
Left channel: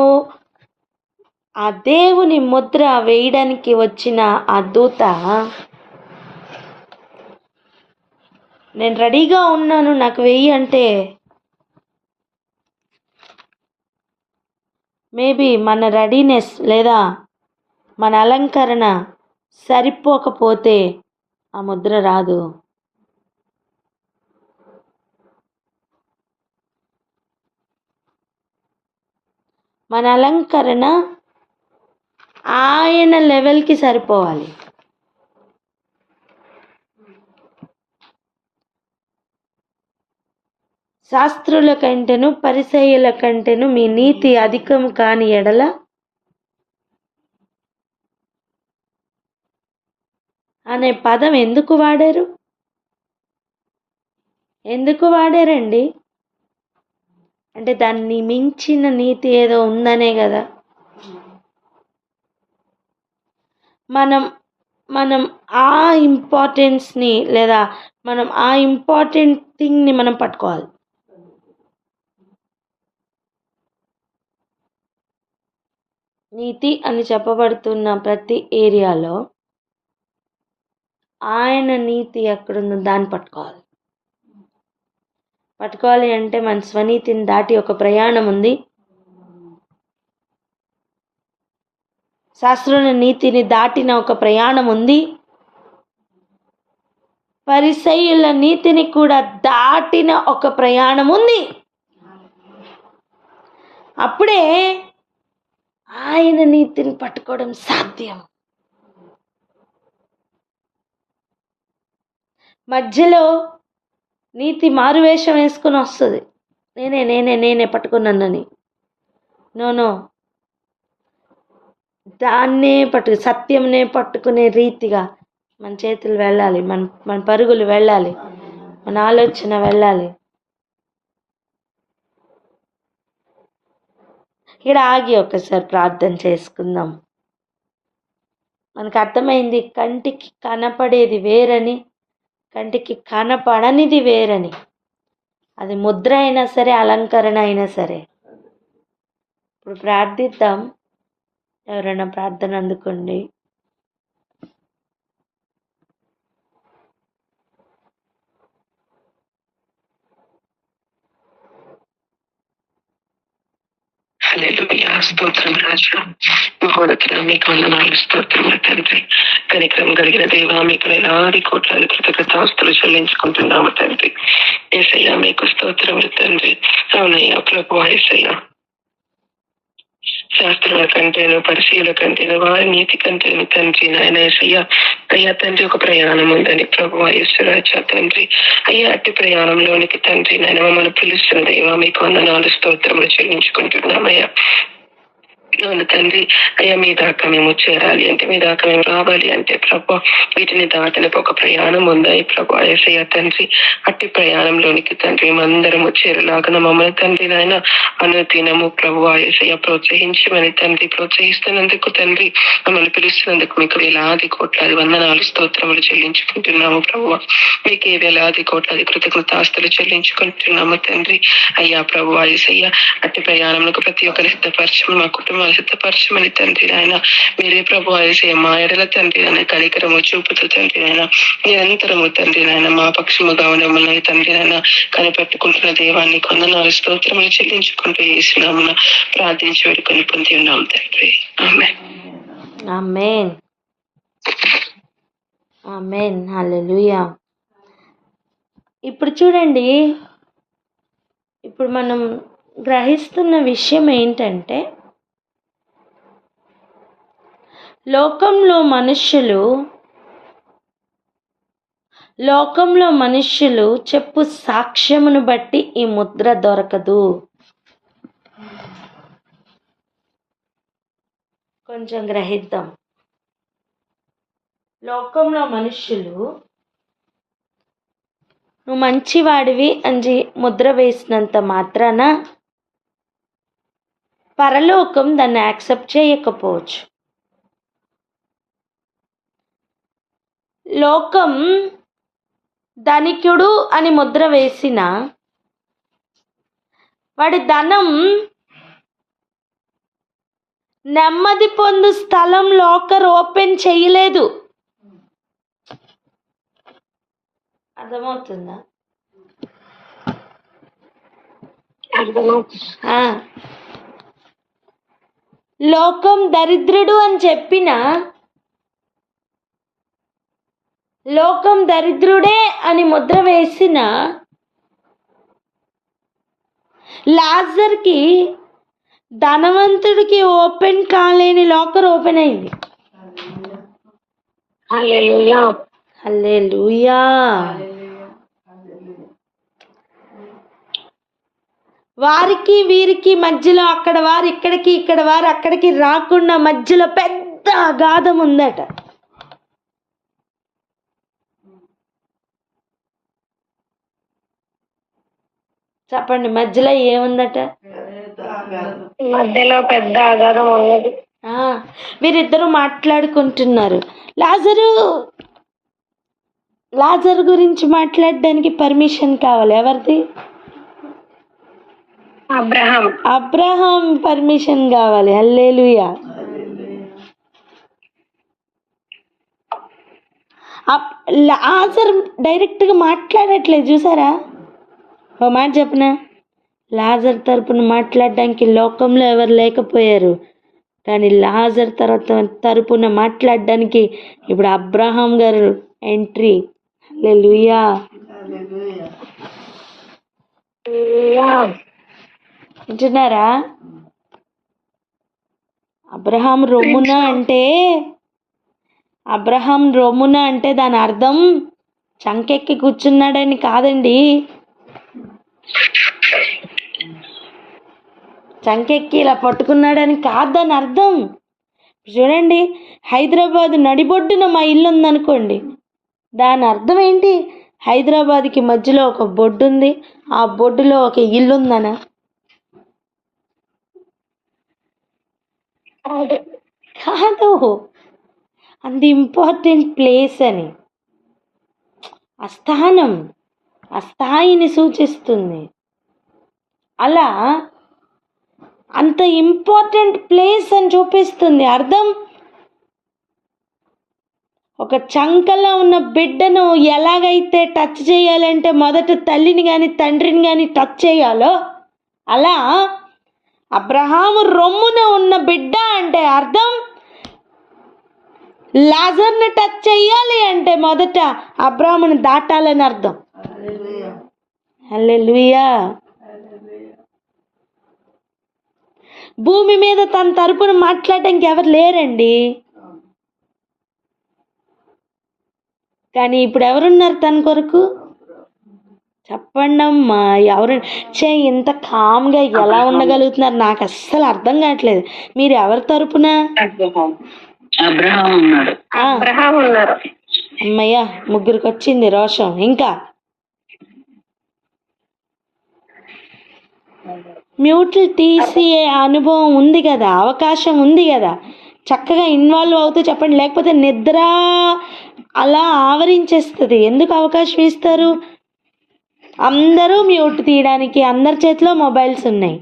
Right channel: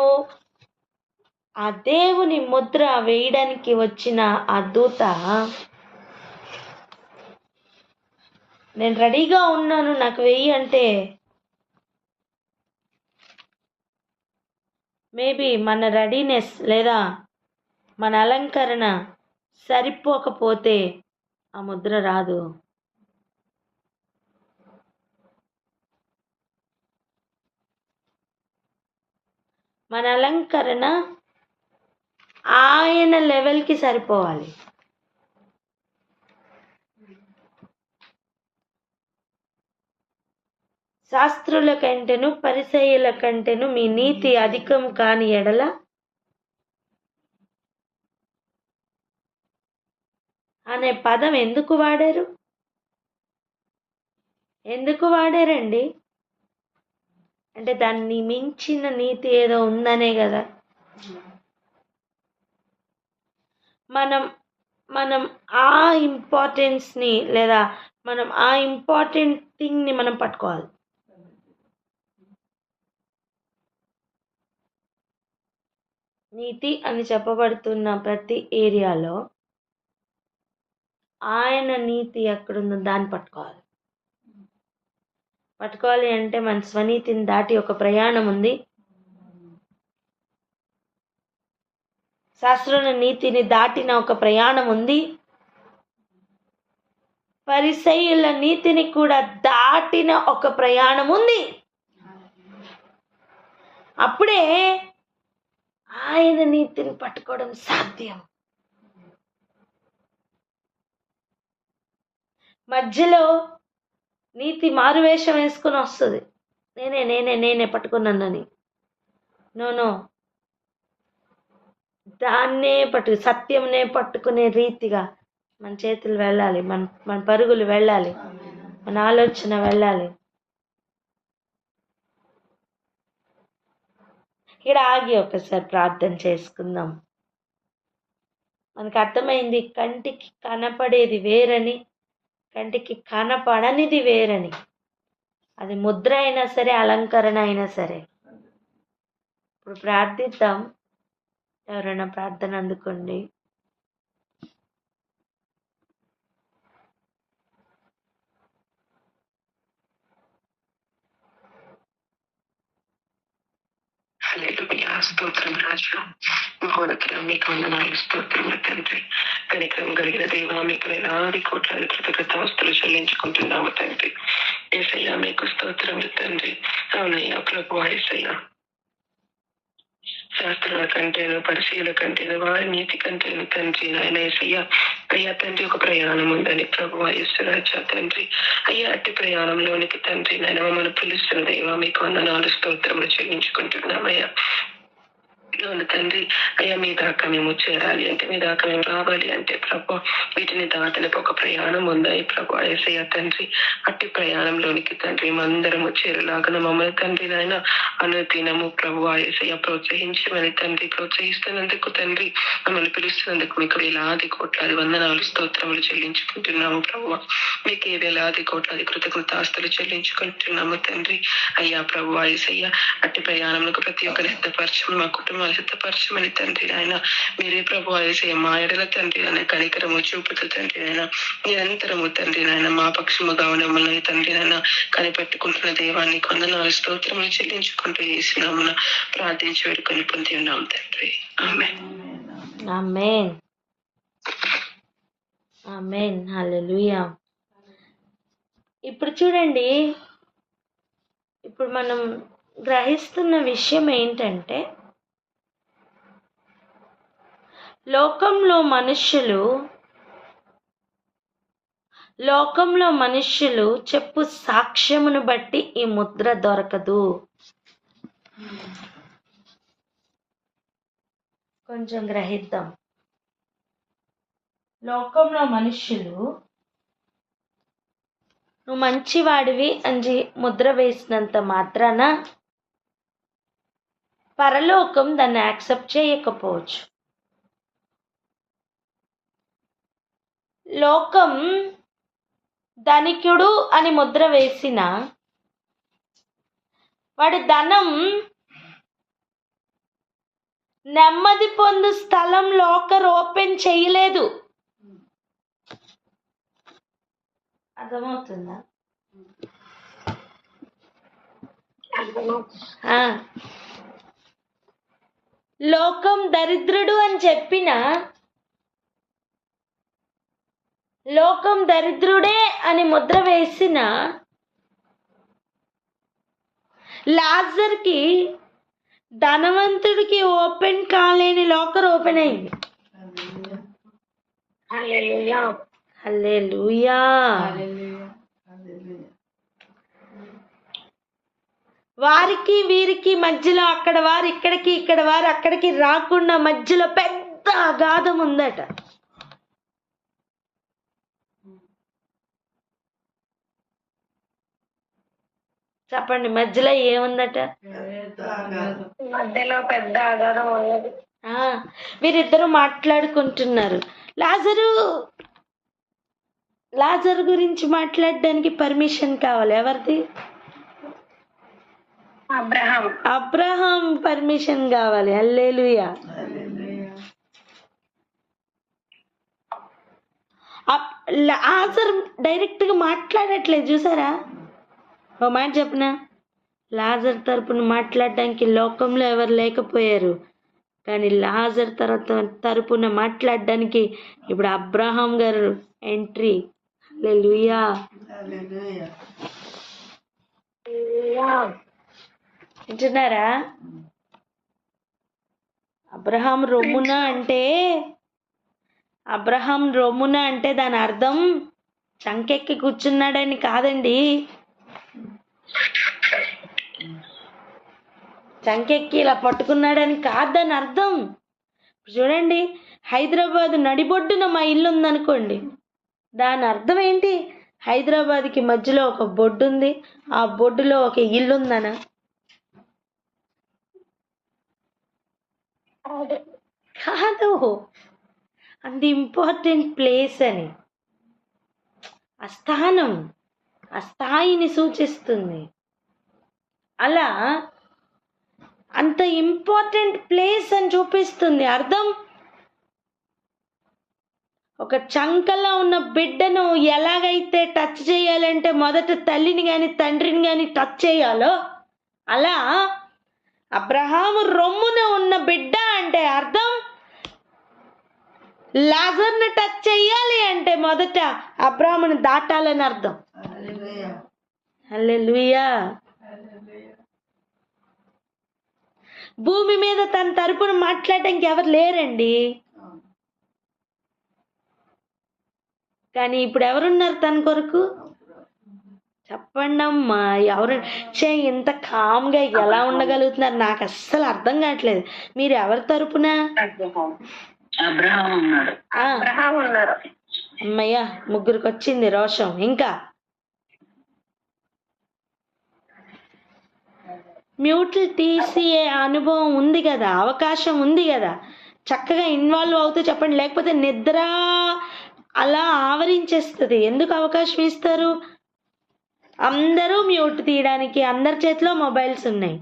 ఆ దేవుని ముద్ర వేయడానికి వచ్చిన ఆ దూత, నేను రెడీగా ఉన్నాను నాకు వెయ్యి అంటే, మేబీ మన రెడీనెస్ లేదా మన అలంకరణ సరిపోకపోతే ఆ ముద్ర రాదు. మన అలంకరణ ఆయన లెవెల్కి సరిపోవాలి. శాస్త్రుల కంటేను పరిసయ్యుల కంటేను మీ నీతి అధికం కాని ఎడల అనే పదం ఎందుకు వాడారు? ఎందుకు వాడారండి? అంటే దాన్ని మించిన నీతి ఏదో ఉందనే కదా. మనం ఆ ఇంపార్టెన్స్ని లేదా మనం ఆ ఇంపార్టెంట్ థింగ్ని మనం పట్టుకోవాలి. నీతి అని చెప్పబడుతున్న ప్రతి ఏరియాలో ఆయన నీతి ఎక్కడుందో దాన్ని పట్టుకోవాలి అంటే మన స్వనీతిని దాటి ఒక ప్రయాణం ఉంది. శాస్త్రుల నీతిని దాటిన ఒక ప్రయాణం ఉంది. పరిసయ్యుల నీతిని కూడా దాటిన ఒక ప్రయాణం ఉంది. అప్పుడే ఆయన నీతిని పట్టుకోవడం సాధ్యం. మధ్యలో నీతి మారువేషం వేసుకుని వస్తుంది, నేనే పట్టుకున్నానని. నో, దాన్నే సత్యంనే పట్టుకునే రీతిగా మన చేతులు వెళ్ళాలి, మన పరుగులు వెళ్ళాలి, మన ఆలోచన వెళ్ళాలి. ఇక్కడ ఆగి ఒకసారి ప్రార్థన చేసుకుందాం. మనకు అర్థమైంది, కంటికి కనపడేది వేరని, కంటికి కనపడనిది వేరని. అది ముద్ర అయినా సరే, అలంకరణ అయినా సరే. ఇప్పుడు ప్రార్థిద్దాం. ఎవరైనా ప్రార్థన అందుకోండి. హల్లెలూయా. స్తోత్రం రాజా, మహోన్నతుడా, మీకు వందనాలు, స్తోత్రములు తండ్రి. కనికరం కలిగిన దేవా, మీకు వేలాది కోట్లాది కృతజ్ఞతాస్తులు చెల్లించుకుంటున్నాము తండ్రి. యేసయ్యా, మీకు స్తోత్రములు తండ్రి. అవునయ్యా ప్రభువా, యేసయ్యా శాస్త్రుల కంటేను, పరిశీల కంటేను, వారి నీతి కంటేను తండ్రి నాయన యేసయ్య, అయ్యా తండ్రి ఒక ప్రయాణం ఉందని ప్రభు యేసురాజా తండ్రి, అయ్యా అట్టి ప్రయాణంలోనికి తండ్రి నాయన మమ్మల్ని పిలుస్తున్న దేవా మీకు వందనాలు స్తోత్రములు చెల్లించుకుంటున్నామయ్యా. అవును తండ్రి, అయ్యా మీ దాకా మేము చేరాలి అంటే, మీ దాకా మేము రావాలి అంటే ప్రభు వీటిని దాటనికి ఒక ప్రయాణం ఉందాయి ప్రభు యేసయ్య తండ్రి. అట్టి ప్రయాణంలోనికి తండ్రి మేమందరము చేరలాగా మమ్మల్ని తండ్రి నాయన అనుదినము ప్రభు యేసయ్య ప్రోత్సహించమని తండ్రి, ప్రోత్సహిస్తున్నందుకు తండ్రి, మమ్మల్ని పిలుస్తున్నందుకు మీకు వేలాది కోట్లాది వందనాలు స్తోత్రములు చెల్లించుకుంటున్నాము ప్రభు. మీకే వేలాది కోట్లాది కృతజ్ఞతాస్తులు చెల్లించుకుంటున్నాము తండ్రి. అయ్యా ప్రభు యేసయ్య, అట్టి ప్రయాణంలో ప్రతి ఒక్కరి సిద్ధపరచమని, మా కుటుంబాలు సిద్ధపరచమని తండ్రి నాయన. మీరే ప్రభు యేసయ్య మా ఎడల తండ్రి నాయన కనికరము చూపుతూ తండ్రి నాయన నిరంతరము తండ్రి నాయన మా పక్షముగా ఉన్నమని తండ్రి నాయన కనిపెట్టుకుంటున్న దేవాన్ని వందనాలు స్తోత్రములు చెల్లించుకుంటూ యేసునామమున ప్రార్థించి వేడుకొని పొంది ఉన్నాం తండ్రి. ఆమేన్. ఆమేన్. ఆమేన్. హల్లెలూయా. ఇప్పుడు చూడండి, ఇప్పుడు మనం గ్రహిస్తున్న విషయం ఏంటంటే, లోకంలో మనుష్యులు చెప్పు సాక్ష్యమును బట్టి ఈ ముద్ర దొరకదు. కొంచెం గ్రహిద్దాం. లోకంలో మనుష్యులు నువ్వు మంచివాడివి అని ముద్ర వేసినంత మాత్రాన పరలోకం దాన్ని యాక్సెప్ట్ చేయకపోవచ్చు. లోకం ధనికుడు అని ముద్ర వేసిన వాడి ధనం నెమ్మది పొందు స్థలం లాకర్ ఓపెన్ చేయలేదు. అర్థమవుతుందా? లోకం దరిద్రుడు అని చెప్పిన, లోకం దరిద్రుడే అని ముద్ర వేసిన లాజర్కి, ధనవంతుడికి ఓపెన్ కాలేని లాకర్ ఓపెన్ అయింది. హల్లెలూయా. హల్లెలూయా. వారికి వీరికి మధ్యలో, అక్కడ వారు ఇక్కడికి, ఇక్కడ వారు అక్కడికి రాకుండా మధ్యలో పెద్ద అగాధం ఉందట. చెప్పండి, మధ్యలో ఏముందట? మధ్యలో పెద్ద అగాధం ఉన్నది. వీరిద్దరూ మాట్లాడుకుంటున్నారు. లాజరు గురించి మాట్లాడడానికి పర్మిషన్ కావాలి. ఎవరిది? అబ్రహాం పర్మిషన్ కావాలి. హల్లెలూయా. లాజర్ డైరెక్ట్గా మాట్లాడట్లేదు, చూసారా? ఓ మాట చెప్పిన, లాజర్ తరపున మాట్లాడడానికి లోకంలో ఎవరు లేకపోయారు, కానీ లాజర్ తరపున మాట్లాడడానికి ఇప్పుడు అబ్రహాం గారు ఎంట్రీ. హల్లెలూయా. వింటున్నారా? అబ్రహాం రొమ్మున అంటే దాని అర్థం చంకెక్కి కూర్చున్నాడని కాదండి. చంకెక్కి ఇలా పట్టుకున్నాడని కాదు దాని అర్థం. చూడండి, హైదరాబాద్ నడిబొడ్డున మా ఇల్లు ఉందనుకోండి, దాని అర్థం ఏంటి? హైదరాబాద్కి మధ్యలో ఒక బొడ్డు ఉంది, ఆ బొడ్డులో ఒక ఇల్లు ఉందనా? కాదు. అంత ఇంపార్టెంట్ ప్లేస్ అని, ఆ స్థానం, ఆ స్థాయిని సూచిస్తుంది. అలా అంత ఇంపార్టెంట్ ప్లేస్ అని చూపిస్తుంది. అర్థం, ఒక చంకలో ఉన్న బిడ్డను ఎలాగైతే టచ్ చేయాలంటే మొదట తల్లిని కానీ తండ్రిని కానీ టచ్ చేయాలో, అలా అబ్రహాము రొమ్మున ఉన్న బిడ్డ అంటే అర్థం లాజర్ని టచ్ చేయాలి అంటే మొదట అబ్రహాముని దాటాలని అర్థం. హల్లెలూయా. భూమి మీద తన తరపున మాట్లాడడానికి ఎవరు లేరండి. కానీ ఇప్పుడు ఎవరున్నారు తన కొరకు? చెప్పండి అమ్మా, ఎవరు ఇంత కామ్గా ఎలా ఉండగలుగుతున్నారు? నాకు అస్సలు అర్థం కావట్లేదు. మీరు ఎవరి తరపున? అబ్రహాం ఉన్నాడు. అమ్మయ్యా, ముగ్గురికి వచ్చింది రోషం. ఇంకా మ్యూట్లు తీసి అనుభవం ఉంది కదా, అవకాశం ఉంది కదా, చక్కగా ఇన్వాల్వ్ అవుతూ చెప్పండి. లేకపోతే నిద్ర అలా ఆవరించేస్తుంది. ఎందుకు అవకాశం ఇస్తారు? అందరూ మ్యూట్ తీయడానికి అందరి చేతిలో మొబైల్స్ ఉన్నాయి.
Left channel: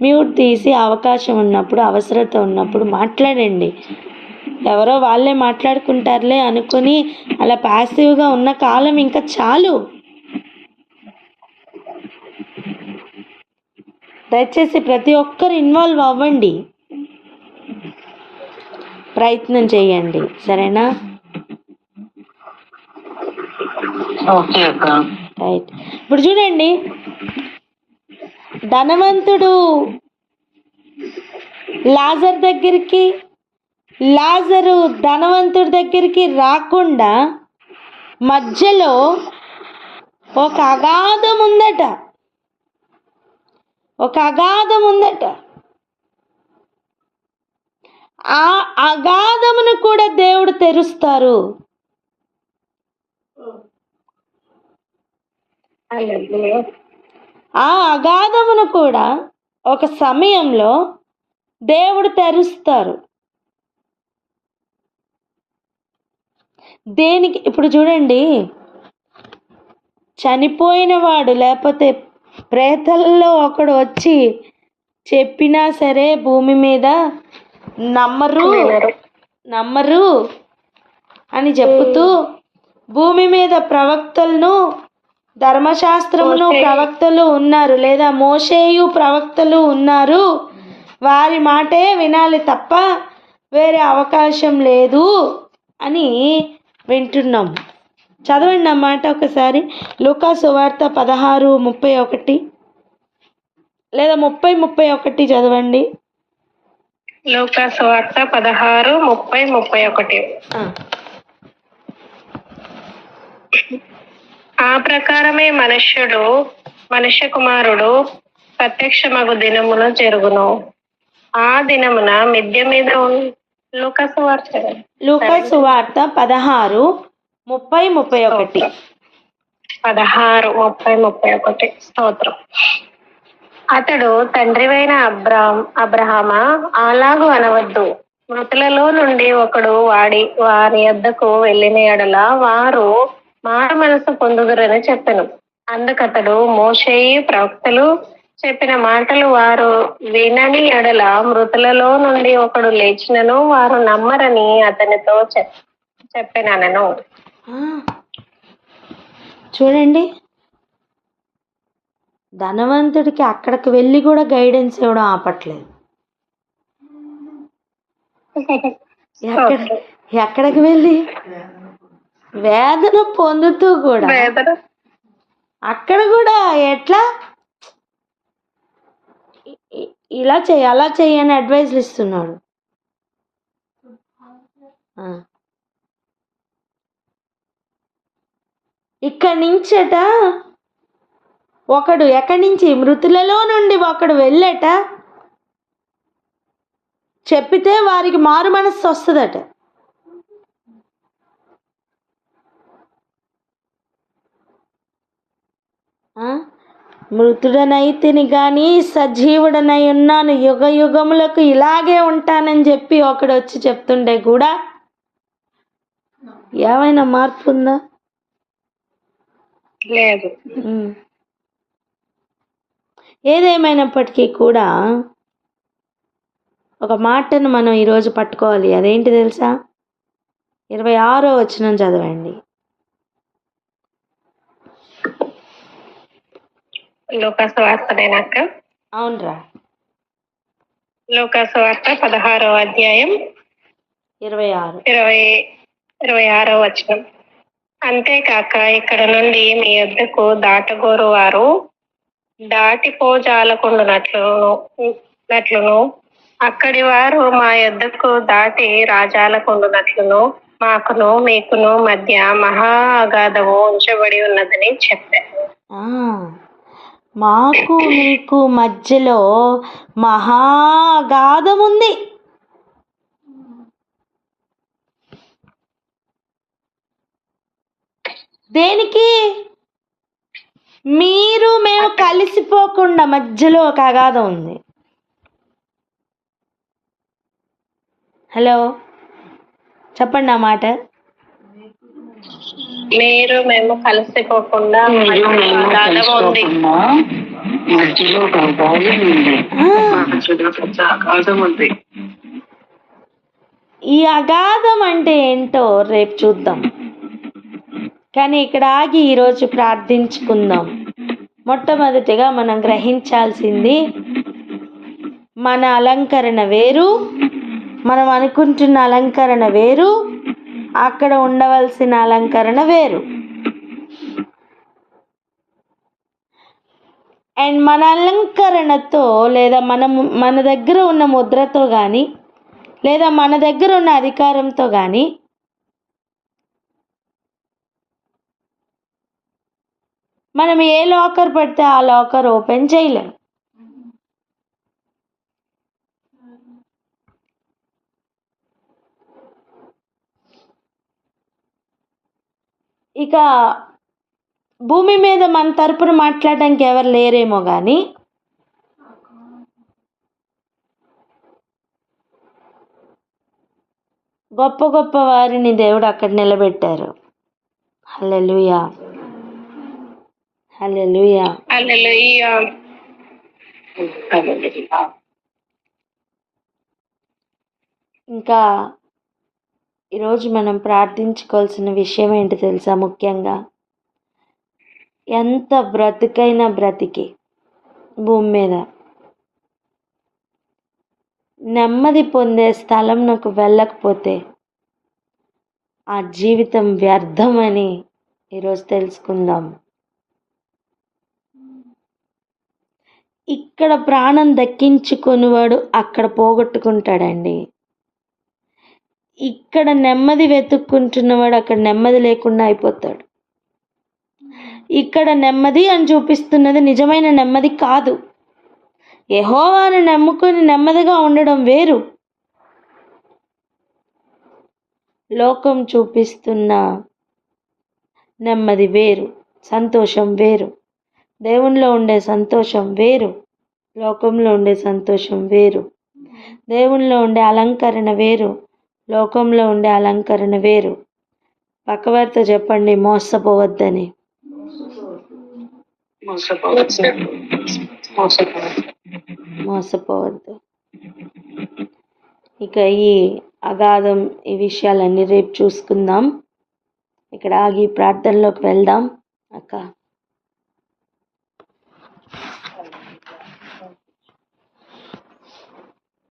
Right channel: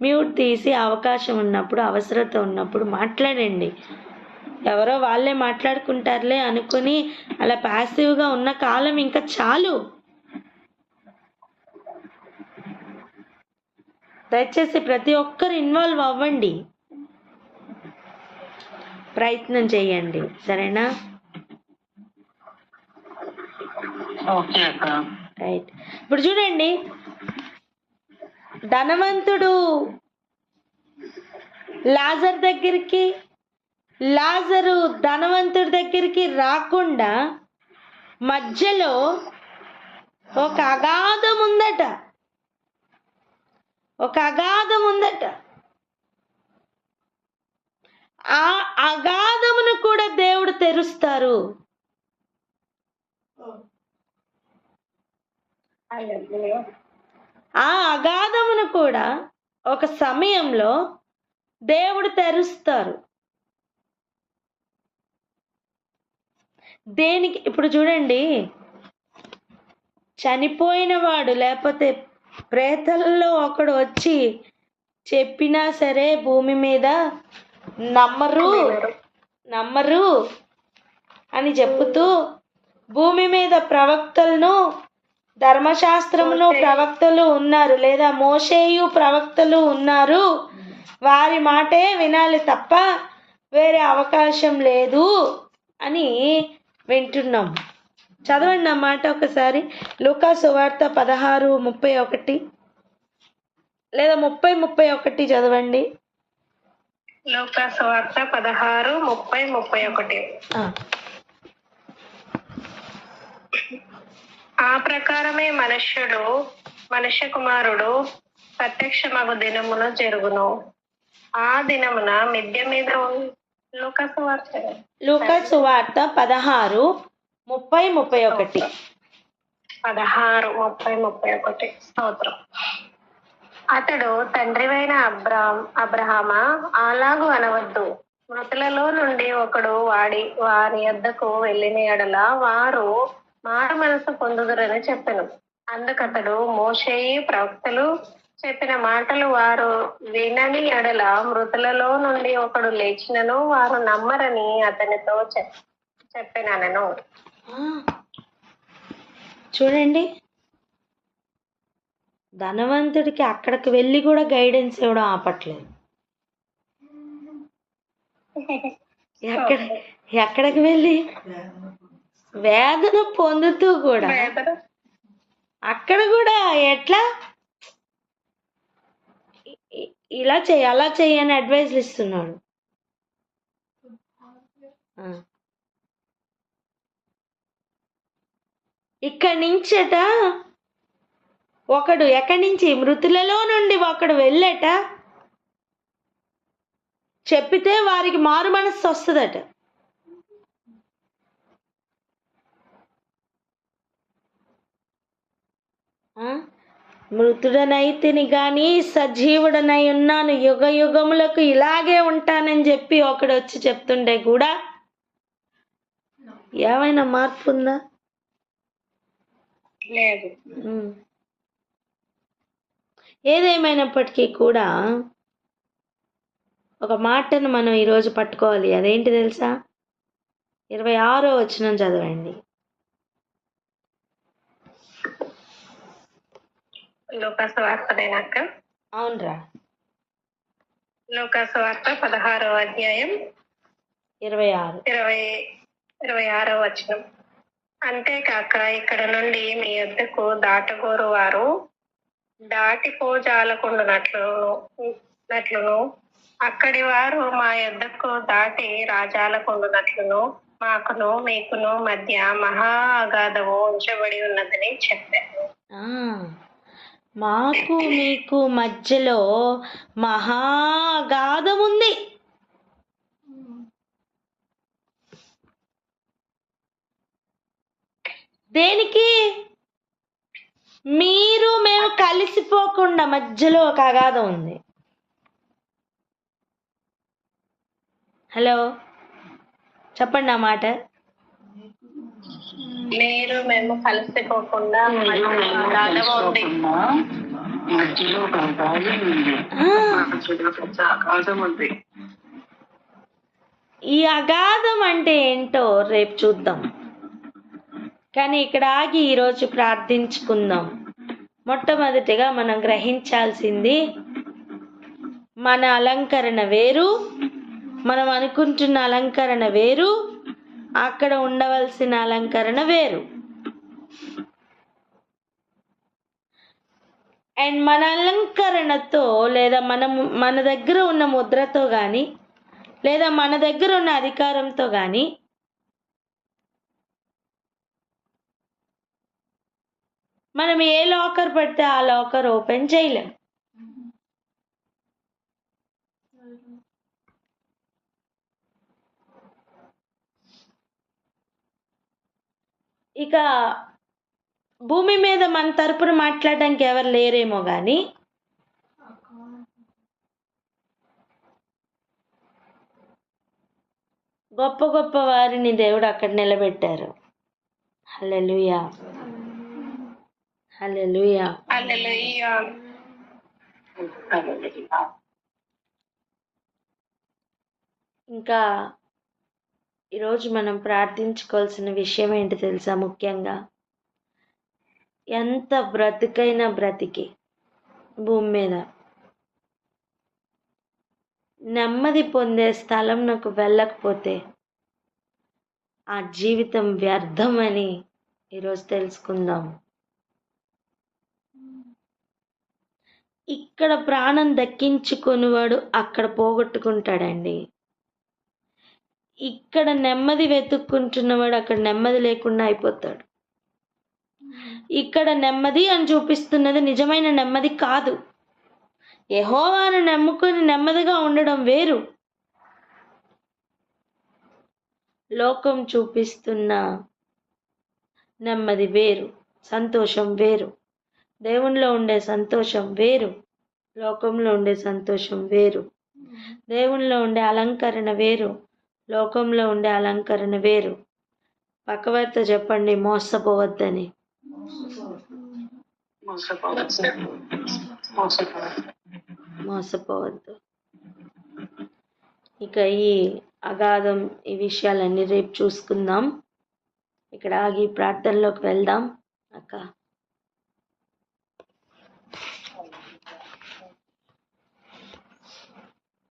మ్యూట్ తీసి అవకాశం ఉన్నప్పుడు, అవసరత ఉన్నప్పుడు మాట్లాడండి. ఎవరో వాళ్ళే మాట్లాడుకుంటారులే అనుకుని అలా ప్యాసివ్గా ఉన్న కాలం ఇంకా చాలు. దయచేసి ప్రతి ఒక్కరు ఇన్వాల్వ్ అవ్వండి, ప్రయత్నం చేయండి. సరేనా? రైట్. ఇప్పుడు చూడండి, ధనవంతుడు లాజరు ధనవంతుడి దగ్గరికి రాకుండా మధ్యలో ఒక అగాధం ఉందట. ఆ అగాధమును కూడా దేవుడు తెరుస్తారు. ఆ అగాధమును కూడా ఒక సమయంలో దేవుడు తెరుస్తారు. దేనికి? ఇప్పుడు చూడండి, చనిపోయిన వాడు లేకపోతే ప్రేతల్లో ఒకడు వచ్చి చెప్పినా సరే భూమి మీద నమ్మరు అని చెప్పుతూ, భూమి మీద ప్రవక్తలను, ధర్మశాస్త్రమును ప్రవక్తలు ఉన్నారు, లేదా మోషేయు ప్రవక్తలు ఉన్నారు, వారి మాటే వినాలి తప్ప వేరే అవకాశం లేదు అని వింటున్నాం. చదవండి ఆ మాట ఒకసారి. లూకా సువార్త 16:31 లేదా 30:31 చదవండి. లూకా సువార్త 16:30-31. ఆ ప్రకారమే మనుష్య కుమారుడు ప్రత్యక్షమగు దినమున జరుగును. ఆ దినమున మిద్దె మీద లూకా సువార్త 16:30-31. 16:30-31. స్తోత్రం. అతడు తండ్రివైన అబ్రహామా, అలాగు అనవద్దు. మృతులలో నుండి ఒకడు వారి యొద్దకు వెళ్ళిన ఎడల వారు మారు మనసు పొందుదురని చెప్పెను. అందుకతడు మోషేయు ప్రవక్తలు చెప్పిన మాటలు వారు వినని ఎడల మృతులలో నుండి ఒకడు లేచినను వారు నమ్మరని అతనితో చెప్పెనను. చూడండి, ధనవంతుడికి అక్కడికి వెళ్ళి కూడా గైడెన్స్ ఇవ్వడం ఆపట్లేదు. ఎక్కడికి వెళ్ళి వేదన పొందుతూ కూడా అక్కడ కూడా ఎట్లా ఇలా చెయ్యి, అలా చెయ్యి అని అడ్వైజ్లు ఇస్తున్నాడు. ఇక్కడి నుంచట ఒకడు, ఎక్కడి నుంచి? మృతులలో నుండి ఒకడు వెళ్ళట చెప్పితే వారికి మారు మనస్సు వస్తుందట. మృతుడనైతిని కానీ సజీవుడనై ఉన్నాను, యుగ యుగములకు ఇలాగే ఉంటానని చెప్పి ఒకడు వచ్చి చెప్తుండే కూడా ఏమైనా మార్పు ఉందా? లేదు. ఏదేమైనప్పటికీ కూడా ఒక మాటను మనం ఈరోజు పట్టుకోవాలి. అదేంటి తెలుసా? 26వ వచనం చదవండి. లూకా సువార్తనేనాక? అవునరా. లూకా సువార్త 16వ అధ్యాయం 26వ వచనం. అంతేకాక ఇక్కడ నుండి మీ యొద్దకు దాటగోరు వారు దాటిపోజాలకుండునట్లును అక్కడి వారు మా యొద్దకు దాటి రాజాల కొండునట్లును మాకును మీకును మధ్య మహా అగాధము ఉంచబడి ఉన్నదని చెప్పారు. ఆ, మాకు మీకు మధ్యలో మహాగాధం ఉంది. దేనికి? మీరు మేము కలిసిపోకుండా మధ్యలో ఒక అగాధం ఉంది. హలో, చెప్పండి ఆ మాట. మీరు మేము కలిసిపోకుండా మీరు మేము అగాధం ఉంది. తెలుసుకోకుండా మధ్యలో ఒక అగాధం ఉంది. ఆ, మధ్యలో పెద్ద అగాధం ఉంది. ఈ అగాధం అంటే ఏంటో రేపు చూద్దాం. కానీ ఇక్కడ ఆగి ఈరోజు ప్రార్థించుకుందాం. మొట్టమొదటిగా మనం గ్రహించాల్సింది, మన అలంకరణ వేరు, మనం అనుకుంటున్న అలంకరణ వేరు, అక్కడ ఉండవలసిన అలంకరణ వేరు. అండ్ మన అలంకరణతో లేదా మన దగ్గర ఉన్న ముద్రతో కానీ లేదా మన దగ్గర ఉన్న అధికారంతో కానీ మనం ఏ లాకర్ పెడితే ఆ లాకర్ ఓపెన్ చేయలేం. ఇక భూమి మీద మన తరపున మాట్లాడడానికి ఎవరు లేరేమో కానీ గొప్ప గొప్ప వారిని దేవుడు అక్కడ నిలబెట్టారు. హల్లెలూయా, హల్లెలూయా. హల్లెలూయా. ఇంకా ఈరోజు మనం ప్రార్థించుకోవాల్సిన విషయం ఏంటి తెలుసా? ముఖ్యంగా ఎంత బ్రతికైనా బ్రతికి భూమి మీద నెమ్మది పొందే స్థలం నాకు వెళ్ళకపోతే ఆ జీవితం వ్యర్థమని ఈరోజు తెలుసుకుందాం. ఇక్కడ ప్రాణం దక్కించుకునేవాడు అక్కడ పోగొట్టుకుంటాడండి. ఇక్కడ నెమ్మది వెతుక్కుంటున్నవాడు అక్కడ నెమ్మది లేకుండా అయిపోతాడు. ఇక్కడ నెమ్మది అని చూపిస్తున్నది నిజమైన నెమ్మది కాదు. యెహోవాను నమ్ముకొని నెమ్మదిగా ఉండడం వేరు, లోకం చూపిస్తున్న నెమ్మది వేరు, సంతోషం వేరు. దేవునిలో ఉండే సంతోషం వేరు, లోకంలో ఉండే సంతోషం వేరు. దేవునిలో ఉండే అలంకరణ వేరు, లోకంలో ఉండే అలంకరణ వేరు. పక్కవారితో చెప్పండి, మోసపోవద్దని. మోసపోవద్దు. ఇక ఈ అగాధం, ఈ విషయాలన్నీ రేపు చూసుకుందాం. ఇక్కడ ఆగి ప్రార్థనలోకి వెళ్దాం అక్క.